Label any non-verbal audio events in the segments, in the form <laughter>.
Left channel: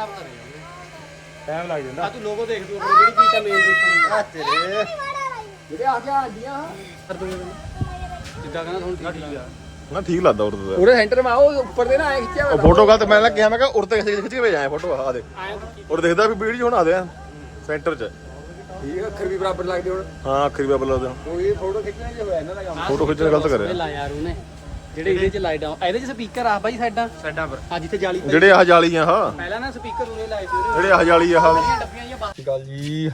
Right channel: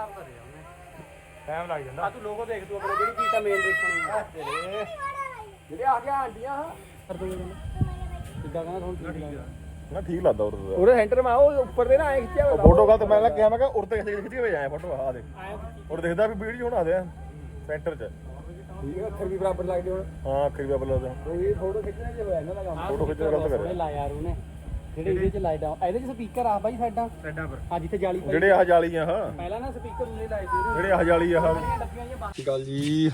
ਸਾਫ਼ ਕਰਿਆ ਉਹਨੇ ਟਾਈਮ ਲੱਗ ਜਾਂਦਾ। ਆ ਤੂੰ ਲੋਗੋ ਦੇਖ ਤੂੰ ਆਪਣੇ ਜਿਹੜੀ ਚੀਜ਼ ਦਾ ਮੇਨ ਦੇਖਣੀ ਆ। ਤੇਰੇ। ਜਿਹੜੇ ਆ ਗਿਆ ਆਂਡੀਆਂ। ਜਿੱਦਾਂ ਕਹਿੰਦਾ ਹੁਣ ਠੀਕ ਆ। ਨਾ ਠੀਕ ਲੱਗਦਾ ਉਰਦ ਉਹਦੇ ਸੈਂਟਰ ਮਾ ਉਹ ਉੱਪਰ ਦੇ ਨਾ ਆਏ ਖਿੱਚਿਆ ਉਹ ਫੋਟੋ ਗੱਲ ਤੇ ਮੈਂ ਨਾ ਕਿਹਾ ਮੈਂ ਕਿਹਾ ਉਰਦ ਤੇ ਖਿੱਚ ਕੇ ਭੇਜਾਇਆ ਫੋਟੋ ਆ ਦੇ। ਉਰ ਦੇਖਦਾ ਵੀ ਵੀਡੀਓ ਬਣਾ ਦੇ ਸੈਂਟਰ 'ਚ। ਇਹ ਅੱਖਰ ਵੀ ਬਰਾਬਰ ਲੱਗਦੇ ਹੁਣ। ਹਾਂ ਆਖਰੀ ਬਾਬਲ ਲੱਗਦਾ ਉਹ ਇਹ ਫੋਟੋ ਖਿੱਚਣਾ ਜੇ ਹੋਇਆ ਇਹਨਾਂ ਦਾ ਕੰਮ। ਫੋਟੋ ਖਿੱਚਣ ਗਲਤ ਕਰਿਆ। ਲਾ ਯਾਰ ਉਹਨੇ। ਜਿਹੜੇ ਇਹਦੇ ਚ ਲਾਈਟ ਆ। ਇਹਦੇ ਚ ਸਪੀਕਰ ਆ ਬਾਈ ਸਾਡਾ। ਸਾਡਾ ਪਰ। ਆ ਜਿੱਥੇ ਜਾਲੀ ਪਈ ਜਿਹੜੇ ਆਹ ਜਾਲੀ ਆ ਹਾਂ। ਪਹਿਲਾਂ ਨਾ ਸਪੀਕਰ ਉਹਨੇ ਲਾਏ ਸੀ ਉਹਨੇ ਜਿਹੜੇ ਆਹ ਜਾਲੀ ਆ ਹਾਂ। ਡੱਬੀਆਂ ਜਿਹੀਆਂ ਬਾਹਰ। ਗੱਲ ਜੀ?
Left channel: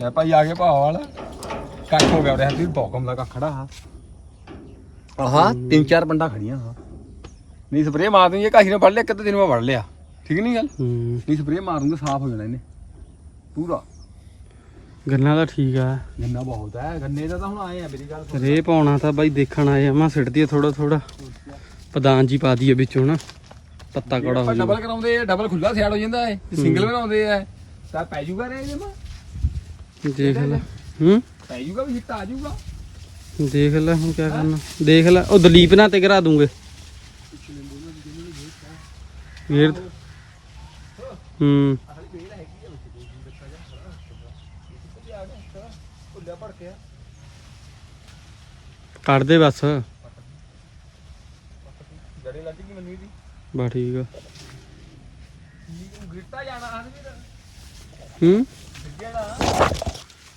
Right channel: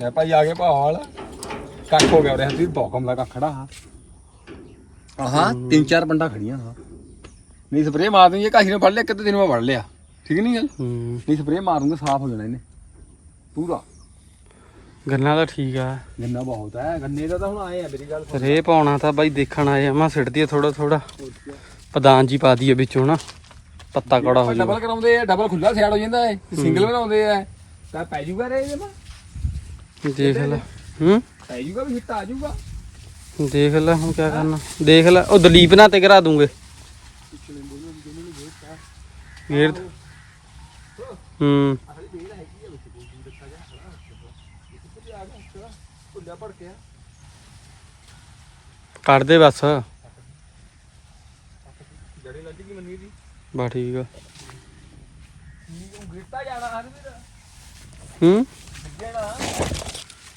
ਲੈ ਭਾਈ ਆ ਗਏ ਭਾਲ ਕੱਖ ਹੋ ਗਿਆ ਉਹਦੇ ਹੱਥ ਵੀ ਭੌਕਮ ਦਾ ਕੱਖ ਖੜਾ ਹਾਂ। ਆਹਾਂ ਤਿੰਨ ਚਾਰ ਬੰਡਾ ਖੜੀਆਂ ਹਾਂ। ਨਹੀਂ ਸਪਰੇਅ ਮਾਰ ਦੂੰਗੇ ਕਾਹੀ ਨੇ ਫੜ ਲਿਆ ਕਿਤੇ ਦਿਨ ਮੈਂ ਫੜ ਲਿਆ। ਠੀਕ ਨਹੀਂ ਗੱਲ? ਨਹੀਂ ਸਪਰੇਅ ਮਾਰ ਦੂੰਗੇ ਸਾਫ਼ ਹੋ ਜਾਣਾ ਇਹਨੇ। ਪੂਰਾ। ਗੰਨਾ ਤਾਂ ਠੀਕ ਆ। ਗੰਨਾ ਬਹੁਤ ਹੈ ਗੰਨੇ ਦਾ ਤਾਂ ਹੁਣ ਆਏ ਆ ਮੇਰੀ ਗੱਲ ਸੁਣ। ਰੇ ਪਾਉਣਾ ਤਾਂ ਬਾਈ ਦੇਖਣ ਆਏ ਆ ਮੈਂ ਸਿੱਟਦੀ ਥੋੜਾ ਥੋੜਾ ਪਦਾਨ ਜੀ ਪਾ ਦਈਏ ਵਿੱਚੋਂ ਨਾ ਪੱਤਾ ਕੜਾ ਹੋ ਡਬਲ ਕਰਾਉਂਦੇ ਆ ਡਬਲ ਖੁੱਲਾ ਸਿਆੜ ਹੋ ਜਾਂਦਾ ਹੈ। ਸਿੰਗਲ ਬਣਾਉਂਦੇ ਆ। ਤਾਂ ਪੈ ਜੂਗਾ ਰੇ ਇਹ ਮਾ ਦੇਖ ਲੈ। ਹੂੰ? ਪੈ ਜੂਗਾ ਵੀ ਹਿੱਟ ਆ ਜੂਗਾ ਦੇਖ ਲੈ ਹੁਣ ਕੀ ਕਰਨਾ। ਦੇਖ ਲੈ ਉਹ ਦਲੀਪ ਨਾਲ ਤੇ ਕਰਾ ਦੂੰਗੇ। ਗੇਰ ਹੂੰ ਖੁੱਲਿਆ ਭੜ ਕੇ ਕੱਢ ਦੇ ਬਸ। ਜੜੇ ਲੱਗ ਗਈ ਮੰਨੀ ਦੀ। ਬਾ ਠੀਕ ਆ। ਗਿਰਤਾ ਜਾਣਾ ਹਨ ਵੀਰ ਹੂੰ? ਜਿਹੜਾ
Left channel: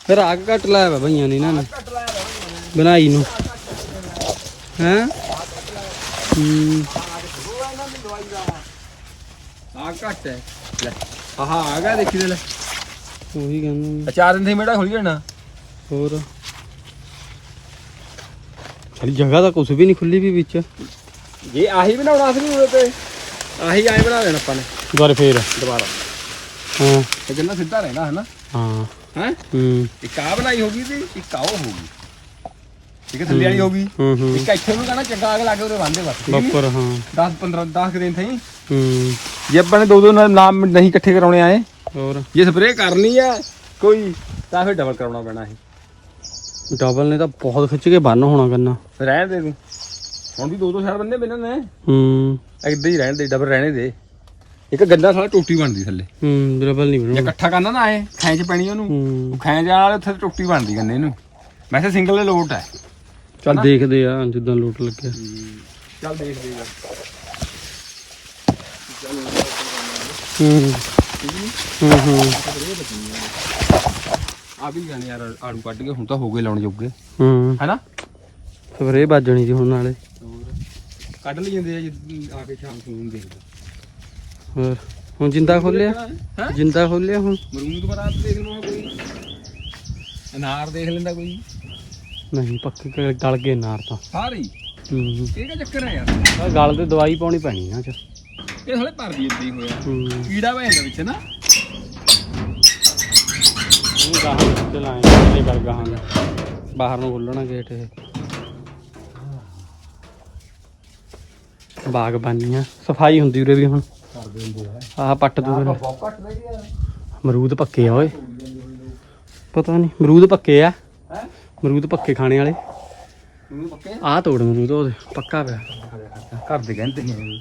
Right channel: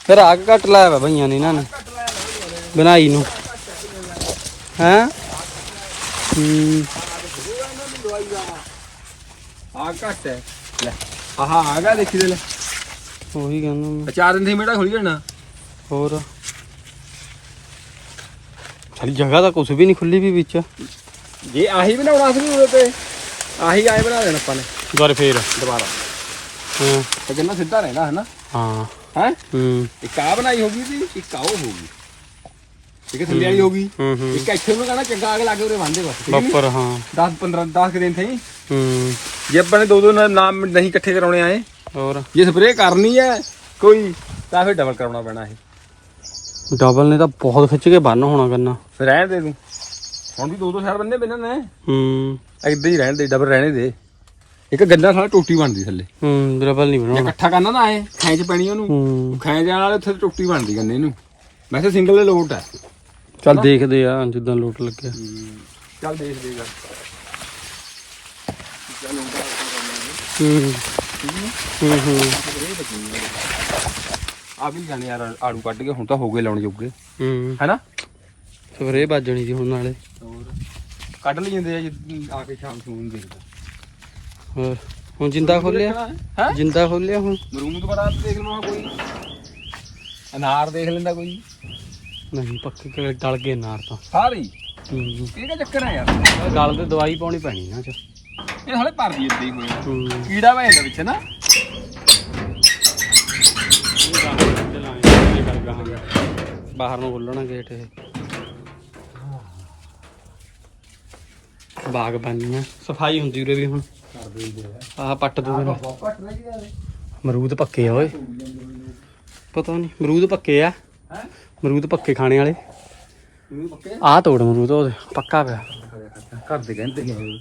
ਫਿਰ ਆਗ ਕੱਟ ਲਾਇਆ ਵਾ ਭਈਆਂ ਨੇ ਇਹਨਾਂ ਨੇ। ਕੱਟ ਲਾਇਆ ਵਾ ਬਣਾਈ ਨੂੰ। ਹੈਂ? ਹੂੰ। ਆ ਘੱਟ ਹੈ। ਲੈ ਆਹਾ ਆ ਗਿਆ ਦੇਖੀ ਦੇ ਲੈ। ਉਹੀ ਕਹਿੰਦਾ ਮੈਂ। ਆ ਚਾਰ ਦਿਨ ਦੀ ਮੇੜਾ ਖੁੱਲ ਜਾਣਾ ਹੋਰ? ਸਾਡੀ ਜਗ੍ਹਾ ਤਾਂ ਕੁਝ ਵੀ ਨਹੀਂ ਖੁੱਲੀ ਵੀ ਵਿੱਚ। ਜੇ ਆਹੀ ਬਣਾਉਣਾ ਸੀ ਉਹਦੇ ਤੇ ਆਹੀ ਆਏ ਬਣਾ ਦੇਣਾ ਆਪਾਂ ਨੇ। ਦੁਬਾਰਾ ਫੇਰ। ਦੁਬਾਰਾ। ਹਾਂ। ਤੇ ਕਿੰਨਾ ਸਿੱਧਾ ਰਹਿੰਦਾ ਹੈ ਨਾ ਹਾਂ। ਹੈ? ਹੂੰ। ਇੱਕ ਆ ਬਣਾਈ ਹੋਗੀ ਸੀ ਇੱਕ ਆ ਉਹ ਹੋਗੀ ਇੱਕ ਥੱਲੇ ਵਾਲੀ ਹੋਗੀ ਹੂੰ ਹੂੰ। ਇੱਕ ਇੱਥੇ ਨੂੰ ਕਹਣਾ ਚੰਗਾ ਅਗ ਲਾਗੇ ਉਹਦੇ ਬੰਦੇ ਬਸ ਬੱਪਰ ਹਾਂ 10 15 10 ਦਿਨ ਥਈ। ਹੂੰ। ਜੇ ਆਪਾਂ ਨੇ ਦੋ ਦੋ ਨਾਮ ਨਹੀਂ ਇਕੱਠੇ ਕਰਾਉਣੇ ਆਏ। ਹੋਰ? ਜੇ ਸਪਰੇਅ ਕਰਨੀ ਹੈ ਕੋਈ ਤਾਂ ਫਿਰ ਡਬਲ ਕਰਾਉਣਾ ਪੈਣਾ ਹੈ ਡਬਲ ਨੇ ਤਾਂ ਬਹੁਤ ਖਿੱਚ ਕੇ ਬੰਨ ਹੋਣਾ ਕਰਨਾ। ਰਹਿਣ ਦੇ ਤੂੰ। ਹੁਣ ਵੀ ਦੋ ਦੋ ਸਾਲ ਬੰਦੇ ਬਿਨਾਂ ਨੇ ਹੂੰ। ਏਦਾਂ ਹੀ ਰਹਿਣ ਦੇ ਡਬਲ ਰਹਿਣੇ ਦੇ। ਇੱਕ ਗੰਦਾ ਸਾਲਾ ਟੋਟੀ ਬਣਦੀ ਥੱਲੇ। ਹੂੰ ਡਬਲ ਨਹੀਂ ਜੇ ਬਣਾਉਣਾ ਇਕੱਠਾ ਕਰਨਾ ਨਾ ਐ ਖੈਂਚ ਪੈਣੀ ਉਹਨੂੰ। ਹੂੰ। ਖੈਂਚ ਜਾਣ ਵਾਲੇ ਉੱਥੇ ਟੋਟੀ ਬਣਦੀ ਗੰਨੇ ਨੂੰ ਵੈਸੇ ਸਿੰਗਲ ਦੇ ਲੋਟ ਹੈ। ਚੱਲ ਦੇਖਦੇ ਆ ਜਿੱਦਾਂ ਲੋਟ ਲੱਗਿਆ। ਚੱਲ ਦੇਖਦੇ ਯਾਰ ਹੂੰ। ਹੂੰ ਹੂੰ ਆ ਵੀ ਜਾਣੇ ਯਾਰ ਆੜੂ ਕੱਢ ਕੇ ਹੁਣ ਤਾਂ ਹੋ ਗਏ ਲਾਉਣ ਜੋਗੇ। ਹੂੰ। ਹੈਨਾ? ਸਵੇਰੇ ਵੱਜਣੀ ਜੀ ਹੁਣ ਨਾਲੇ। ਕੱਢ ਲਈ ਜਾਂਦੇ ਆ ਜੀ ਆ ਕੇ ਸ਼ਾਮ ਨੂੰ ਦੇਖਦੇ ਹੋਰ ਹੁਣ ਜਿੰਦਾ ਖੋਲਿਆ? ਹੈ? ਜਿੰਦਾ ਖੋਲਿਆ ਹੁਣ? ਮਰੂਦ ਬਰਾਤ ਦੇਖ ਲਓ ਕੋਈ। ਅਨਾਰ ਦੇਖ ਲੈਂਦਾ ਕੋਈ। ਨਹੀਂ ਪੱਕੇ ਕ- ਗਲ ਗਏ ਨਾਰ ਤਾਂ। ਸਾਰੀ? ਹੂੰ। ਇਹ ਕਾ ਚੱਕਰ ਹੈ ਯਾਰ? ਆਹ ਗਲ ਤੇ ਦਵਾਈ ਪਾਉਣੀ ਪੈਣੀ ਨਾ ਚ ਇਹ ਹਲੇ ਭਰਦੀ ਏਦਾਂ ਹੀ ਹੋਇਆ ਹੂੰ। ਕੀੜਾ ਪੈ ਜਾਂਦਾ ਵਿੱਚ ਨਾ। ਲਾਏ ਕਿ ਗਲ ਗਾਹਾਂ। ਬਾਹਰ ਨੂੰ ਖੁੱਲਣਾ ਗੇਟ ਇਹ। ਬਾਗਬਾਨੀਆਂ ਸਫ਼ਾਈ ਹੁੰਦੀ ਉਰੇ ਵੀ ਹੁਣ। ਕਰਦੇ ਹੁੰਦੇ ਆ ਆਹ ਪੱਟ ਦੂ ਫਿਰ। ਬਹੁਤ ਘੱਟ ਨਾ ਕਿਦਾ ਮਰੂਦ ਪੱਕੇ ਆ ਓਏ। ਪਤਾ ਨਹੀਂ ਮਰੂਦ ਪੱਕੇ ਆ। ਮਰੂਦ ਪੱਕੇ ਖਾਣੇ ਵਾਲੇ। ਆਹ ਤੋੜ ਮਰੂਦ ਉਹਦੇ ਪੱਕਾ ਪਿਆ। ਘਰ ਦੇ ਕਹਿੰਦੇ ਨੇ।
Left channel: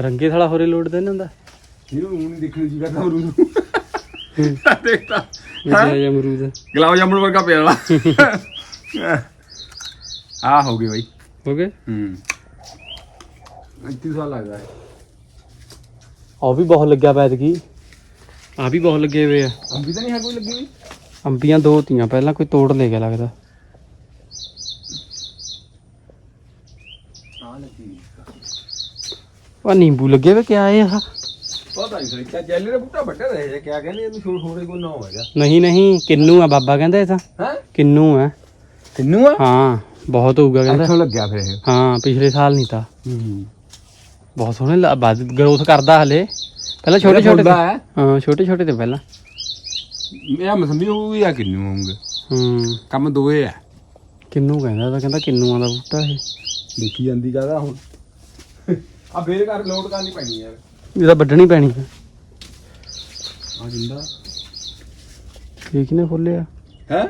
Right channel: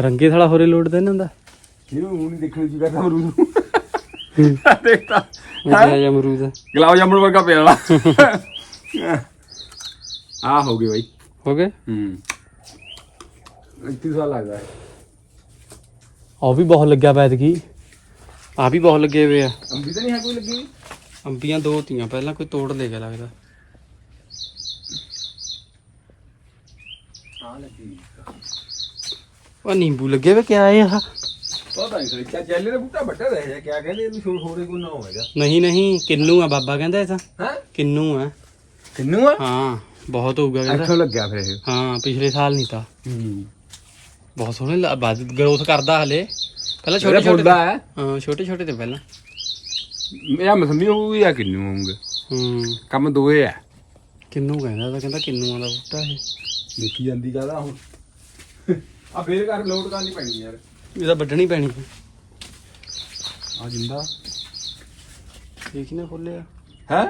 ਰੰਗੇ ਥੜਾ ਹੋਰੇ ਲੋੜ ਦੇ ਇਹਨਾਂ ਦਾ ਇਹਨੂੰ ਹੁਣ ਨਹੀਂ ਦੇਖਣੀ ਜੀ ਕਰਦਾ ਮਰੂਦ ਇਹ ਮਰੂਦ ਗੁਲਾਬ ਜਾਮੁਨ ਵਰਗਾ ਪਿਆ ਵਾਲਾ ਆ ਹੋ ਗਏ ਬਾਈ। ਹੋ ਗਏ? ਹੂੰ। 31 ਸਾਲ ਲੱਗਦਾ ਹੈ। ਉਹ ਵੀ ਬਹੁਤ ਲੱਗਿਆ ਪੈਦ ਕੀ ਆ ਵੀ ਬਹੁਤ ਲੱਗੇ ਹੋਏ ਆ। ਅੰਬੀ ਤਾਂ ਨਹੀਂ ਹੈ ਕੋਈ ਲੱਗੀ? ਅੰਬੀਆਂ ਦੋ ਤੀਆਂ ਪਹਿਲਾਂ ਕੋਈ ਤੋੜ ਲੈ ਗਿਆ ਲੱਗਦਾ। ਉਹ ਨਿੰਬੂ ਲੱਗੇ ਵੇ ਕਿਆ ਇਹ ਆ? ਪਤਾ ਨਹੀਂ ਕਿਆ ਜੈਲੇ ਦਾ ਬੂਟਾ ਵੱਡਾ ਰਿਹਾ ਹੈ ਕਿਆ ਕਹਿੰਦੇ ਇਹਨੂੰ ਛੋੜ ਛੋੜ ਕੋਈ ਨਾ ਹੋਵੇਗਾ ਨਹੀਂ ਨਹੀਂ ਕਿੰਨੂ ਆ ਬਾਬਾ ਕਹਿੰਦਾ ਇਹ ਤਾਂ। ਹੈ? ਕਿੰਨੂ ਆ। ਕਿੰਨੂ ਆ? ਹਾਂ ਬਹੁਤ ਹੋਊਗਾ ਕਹਿੰਦਾ। ਇੱਥੋਂ ਲੱਗਿਆ ਫਿਰ ਇਹ। ਹਾਂ ਪਿਛਲੇ ਸਾਲ ਨਹੀਂ ਤਾਂ। ਹੂੰ। ਬਹੁਤ ਸੋਹਣੇ ਬਾਦ ਗਰੋਥ ਕਰਦਾ ਹਲੇ। ਪਹਿਲਾਂ ਛੋਟੇ ਛੋਟੇ ਹੈ। ਹਾਂ ਛੋਟੇ ਛੋਟੇ ਤੇ ਪਹਿਲਾਂ। ਮੇਰਾ ਮਸੰਮੀ ਹੋਊਗੀ ਜਾਂ ਕਿੰਨੂ ਹੋਊਗੇ। ਹੂੰ। ਕੰਮ ਦੋਏ ਆ। ਕਿੰਨੂ ਕਹਿੰਦਾ ਤਾਂ ਕਹਿੰਦਾ ਕਿੰਨੂਆਂ ਦਾ ਬੂਟਾ ਇਹ। ਦੇਖੀ ਜਾਂਦੀ ਜ਼ਿਆਦਾ ਹੁਣ। ਆ ਬੇਰ ਕਰ ਲੋਡ ਕਰਨੀ ਪੈਣੀ ਯਾਰ। ਇਹਦਾ ਵੱਢਣੀ ਪੈਣੀ ਹੈ। ਆ ਜਿੰਦਾ। ਠੀਕ ਨੇ ਖੋਲਿਆ ਹੈ?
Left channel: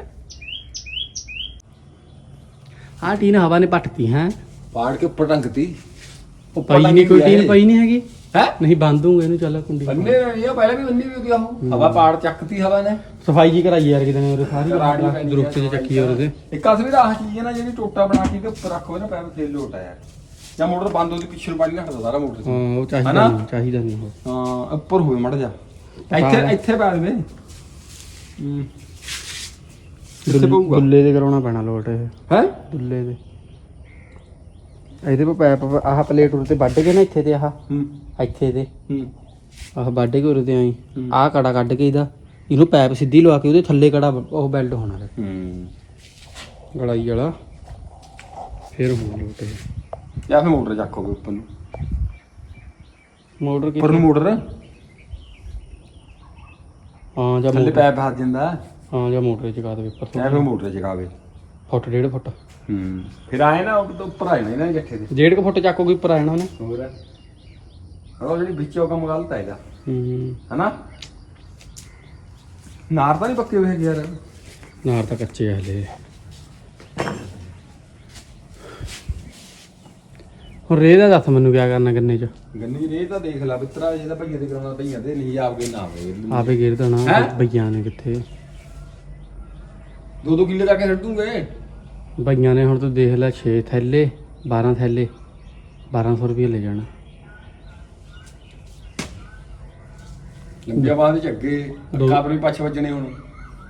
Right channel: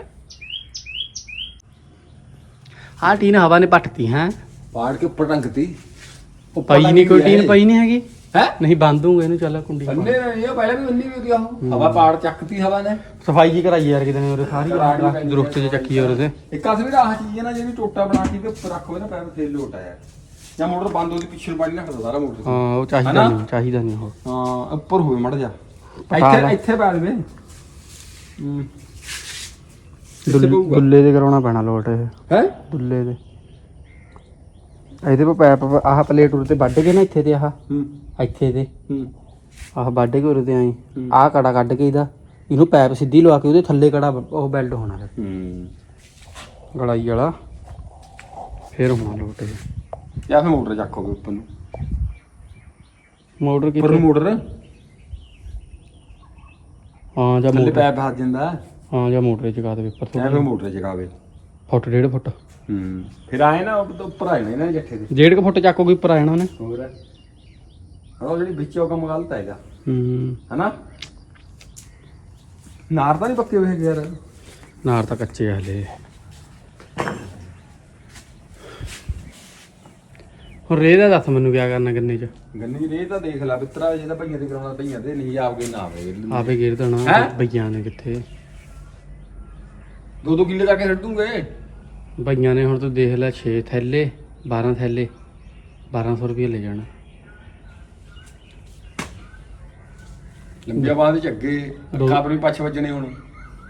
ਆਹ ਟੀਨ ਹਵਾ ਨੇ ਪੱਟਤੀ ਹੈ? ਪਾੜ ਕੇ ਉੱਪਰ ਟੰਗਤੀ। ਪਈ ਨਹੀਂ ਕੋਈ ਟੀਨ ਪਈ ਨਹੀਂ ਹੈਗੀ? ਹੈ? ਨਹੀਂ ਬੰਦ ਹੂੰ ਇਹਨੂੰ ਚੱਲ ਕੁੰਡੀ ਬੰਨੇ ਇਹ ਪਹਿਲਾਂ ਵੀ ਬੰਨੀ ਵੀ ਗਿਆ ਉਹ। ਹਵਾ ਪਾੜ ਚੱਕਤੀ ਹਵਾ ਨੇ। ਸਫ਼ਾਈ ਜੀ ਕਰਾਈ ਯਾਰ ਕਿਤੇ ਨੇ ਉਹਦੇ ਸਾਰੀ ਦਰੁਖਤ ਚ ਚੱਕੀ ਉਹਦੇ। ਇੱਕ ਅਸਲੀ ਰਾਹ ਚੀਜ਼ ਹੈ ਨਾ ਜਿਹੜੀ ਟੋਟਾ ਬਣਾ ਕੇ ਉੱਪਰ ਰੱਖੋ ਨਾ ਪੈਰ ਫੇਰ ਲੋਟ ਆਇਆ। ਜਾਂ ਮੋਟਰ ਬੰਦ ਹੁੰਦੀ ਪਿੱਛੇ ਨੂੰ ਪਾਣੀ ਨਾ ਹਟਦਾ ਸਾਰਾ ਮੋਟਰ। ਹਾਂ ਉਹ ਚਾਹੀਦਾ ਹਨਾ? ਨਹੀਂ ਚਾਹੀਦਾ ਨਹੀਂ ਉਹ ਹਾਂ ਉੱਪਰ ਹੋਵੇ ਮੜ ਜਾ ਇੱਥੇ। ਇੱਥੇ ਬੈਠ ਦੇ ਹੂੰ। ਪਊਗਾ। ਦੇ ਕਰਾਉਣਾ ਪੈਣਾ ਲੋਟ ਇਹ। ਹੈ? ਗੁੱਲੇ ਦੇ। ਇਹਦੇ ਪਾ ਪੈਪ ਆਹ ਪਲੇਟ ਉਰ ਤੇ ਵੱਢ ਕੇ ਨਾ ਇੱਥੇ ਤੇ ਆਹ। ਹੂੰ। ਇੱਥੇ ਤੇ ਹੂੰ। ਆਹ ਵੱਢ ਕੇ ਉਰੇ ਤੇ ਆਈ। ਹੂੰ। ਆਹ ਕੜਾ ਕੱਢ ਕੇ ਇਹਦਾ। ਇਹਨੂੰ ਪੈਪ ਸਿੱਧੀ ਲਵਾ ਕੇ ਉਹਦੇ ਥੱਲੇ ਕੜਾ ਉਹ ਬੈਲਟ ਹੋਣਾ ਲੈ ਹੂੰ। ਗਲਾਈ ਵਾਲਾ। ਫਿਰ ਹੋਣਾ ਲੋਟ ਇਹ। ਜਾਂ ਫਿਰ ਮੋਟਰ ਚੱਕੋਗੇ ਉੱਪਰ ਨੂੰ। ਮੋਟਰ ਉੱਪਰ ਨੂੰ ਮੋਟਰ। ਹਾਂ ਜਾਂ ਥੱਲੇ ਮੋਟਰ। ਪੈਪ ਫਸ ਜਾਂਦਾ। ਹਾਂ ਜਾਂ ਮੋਟਰ ਚਕਾ ਦੇ ਉੱਪਰ ਜਾਂ ਫਿਰ ਮੋਟਰ ਚਕਾਵੇ। ਫੁੱਟ ਡੇਢ ਫੁੱਟ। ਹੂੰ ਫਿਰ ਆਏ ਨਾ ਉੱਪਰ ਉੱਪਰ ਆਏ ਨਾ ਇਹਨਾਂ ਜੱਠੇ ਦੇ ਡੇਢ ਕੁ ਫੁੱਟ ਚੱਕੋਗੇ ਉੱਪਰ ਆ ਜਾਣਾ ਉਹਨੇ। ਹੋਰ। ਉਹ ਜਿਹੜੀ ਵਿੱਚ ਉਹ ਕੰਮ ਗਲਤ ਹੈ ਇਹਦਾ। ਹੂੰ। ਹਨਾ? ਨਾਰ ਤਾਂ ਨਹੀਂ ਪੱਕੇ ਹੋਏ ਹੈਗੇ ਯਾਰ। ਨਾਰ ਤਾਂ ਕੱਚੇ ਆ ਹਲੇ। ਹੁਣ ਰੇ ਦਾ ਦੱਸ ਮੈਨੂੰ ਕਿਆ ਕਰਨਾ ਗੰਨੇ ਚ? ਗੰਨੀ ਰੇ ਤਾਂ ਦੇਖ ਲੈ ਬਿੱਤਰਾ ਜਿਹਦਾ ਭਈਆ ਦੇ ਕਰਾਉਣਾ ਭਈਆ ਦੇ ਨਹੀਂ ਆਪਗੇ ਨਾ ਆਵੇ ਆਪੇ ਗੇਰ ਦੇਣਾ ਹੈਂ? ਬਈਆਂ ਨੇ ਕਿੱਥੇ? ਦੋ ਦੋ ਕਿੱਲੇ ਜਾ ਕੇ ਛੱਡ ਦੂੰਗੇ। ਬਈਆਂ ਨੇ ਹੁਣ ਤੂੰ ਦੇਖ ਲੈ 6 ਥੈਲੇ 12 ਥੈਲੇ 1200 ਰੁਪਏ ਲੈ ਜਾਣਾ। ਲੰਬੀਆਂ ਬਾਹਾਂ ਦੇ ਝੱਗੇ ਦੋ- ਅੱਖਾਂ ਪਰ ਵੀ ਪੱਛ ਵੱਜਣੇ ਹੁਣ।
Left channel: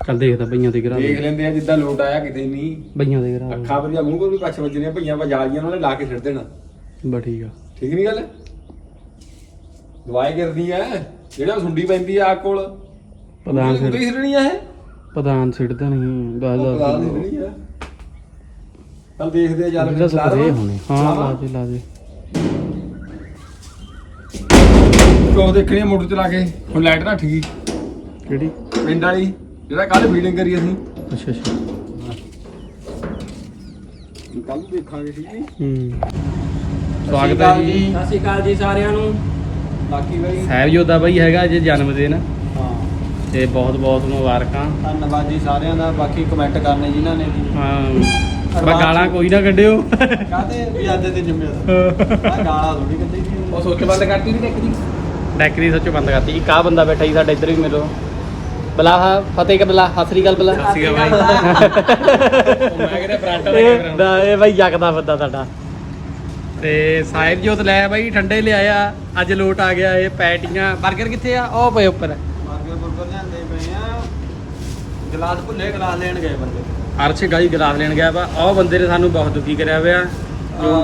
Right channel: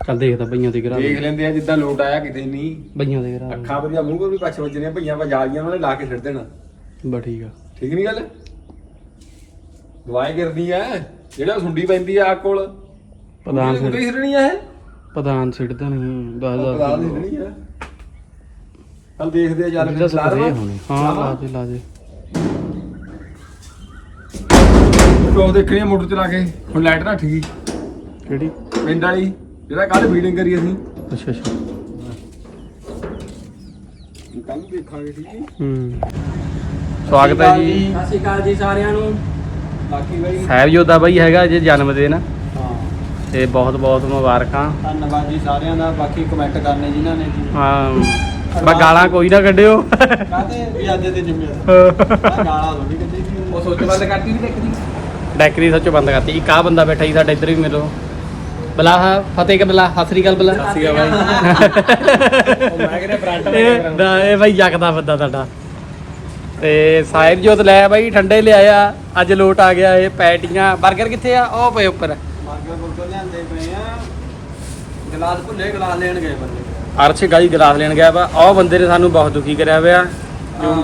ਚੱਲ ਦੇਖਦਾ ਬਈਆਂ ਤੇ ਗਰਾ ਦੇਖ ਲੈਂਦੇ ਆ ਜਿੱਦਾਂ ਲੋਟ ਆਇਆ ਕਿਤੇ ਨਹੀਂ। ਬਈਆਂ ਤੇ ਗਰਾ ਅੱਖਾਂ ਜਾਂ ਮੂੰਹ ਪਰ ਵੀ ਪੱਛ ਵੱਜਣੇ ਭਈਆਂ ਵਾ ਜਾਲੀਆਂ ਉਹਨਾਂ ਨੇ ਲਾ ਕੇ ਛੱਡ ਦੇਣਾ। ਬਾ ਠੀਕ ਆ। ਠੀਕ ਨਹੀਂ ਗੱਲ? ਦਵਾਈ ਕਰਦੀ ਐ। ਜਿਹੜਾ ਸੁੰਡੀ ਪੈਂਦੀ ਆ ਆਹ ਕੋਲ। ਪ੍ਰਧਾਨ ਸਿਰਣੀ ਆ ਇਹ? ਪ੍ਰਧਾਨ ਸਿੱਟਦਾ ਨਹੀਂ ਦੱਸ ਦੱਸ ਸਿਰਣੀ ਆ ਚੱਲ ਦੇਖਦੇ ਆ ਚੱਲ ਇਹਦਾ ਫਿਰ ਲਾ ਸਪਰੇ ਦੇਵਾਂ। ਹੋਣੇ। ਹਾਂ ਲਾ ਦੇ ਲਾ ਦੇ। ਉਹ ਦੇਖਣੀ ਆ ਮੋਟਰ ਚਲਾ ਕੇ। ਹੁਣ ਲਾਈਟ ਰੱਖ ਗਈ ਕਿਹੜੀ? ਪਿੰਡ ਵਾਲੀ। ਜਿਹੜਾ ਕੱਲ ਫੀਡਿੰਗ ਕਰੀ ਅਸੀਂ। ਅੱਛਾ ਅੱਛਾ। ਕੱਲ ਦੇਖਾਂਗੇ ਠੀਕ ਹੈ ਹੂੰ। ਸਵਾਗਤ ਹੈ ਜੀ। ਸਤਿ ਸ਼੍ਰੀ ਅਕਾਲ ਜੀ ਸਾਰਿਆਂ ਨੂੰ। ਬਾਕੀ ਬਾਈ ਸਾਹਿਬਯੋਧਾ ਬਾਈ ਹੈਗਾ ਜੇ ਜਨਮ ਦਿਨ। ਹਾਂ। ਤੇ ਬਹੁਤ ਬਹੁਤ ਮੁਬਾਰਕਾਂ। ਧੰਨਵਾਦ ਜੀ ਸਾਰਿਆਂ ਦਾ। ਬਾਕੀ ਕਮੈਂਟ ਕਰਨੇ ਜਿਨ੍ਹਾਂ ਨੇ ਜੀ ਹਾਂ। ਬਾ ਗਾਲਾਂ ਕੋਈ ਨਾ ਕੱਢਿਓ। ਕਾਹਤੇ? ਵੀ ਅੱਜ ਦੇ ਜ਼ਿੰਮੇਵਾਰ ਆ। <laughs> ਗਾਲਾਂ ਥੋੜੀ ਕੱਢੀ ਸੀ। ਉਹ ਸੋਚ ਗੱਲ ਕਰਤੀ ਨਹੀਂ ਦੇਖਦੀ ਡੈਕਰੀ ਸੱਚੋ ਬੰਦ ਕਰਤੀ। ਇੱਕ ਆ ਬੰਦਾ ਬੈਠਾ ਹੀ ਸਾਡੇ ਇੱਧਰ ਵੀ ਮਿਲੋ ਬਲਾ ਹਾਂ ਫਤਿਹ ਕਰ ਬਲਾ ਹਸਰੀ ਗੱਲ ਬਲਾ ਸਤਿ ਸ਼੍ਰੀ ਅਕਾਲ ਬਾਈ। ਉਹ ਮੈਂ ਕਿਹੜਾ ਫਰੰਟ ਇਹ ਬਾਈ ਜਗਦਾ ਬੰਦਾ ਤੁਹਾਡਾ। ਤੇ ਸਾਹਿਬ ਜੋਤ ਲੈ ਬਾਈ ਠੰਡੇ ਲਿਆਇਆ। ਅੱਜ ਲੋਟ ਆ ਗਿਆ ਇਹ ਪੈਟੀਆਂ। 버ਗਰ ਕਿੱਥੇ ਆ? ਉਹ ਪਏ ਉੱਪਰ। ਬਾਰਗਰ ਬੁਰਗਰ ਲਿਆਂਦੇ ਪਏ ਆ। ਗਲਾਸ ਭੁੱਲੇ ਗਲਾਸ ਲੈਣ ਗਏ ਬੰਦੇ। ਅਰਸ਼ ਗਾਈ ਗਲਾਸ ਲੈਣ ਗਿਆ ਵਾ। ਉਹ ਬੰਦੇ ਨੇ ਸਾਨੂੰ ਬਹੁਤ ਦੁਖੀ ਕਰਿਆ ਹੋਇਆ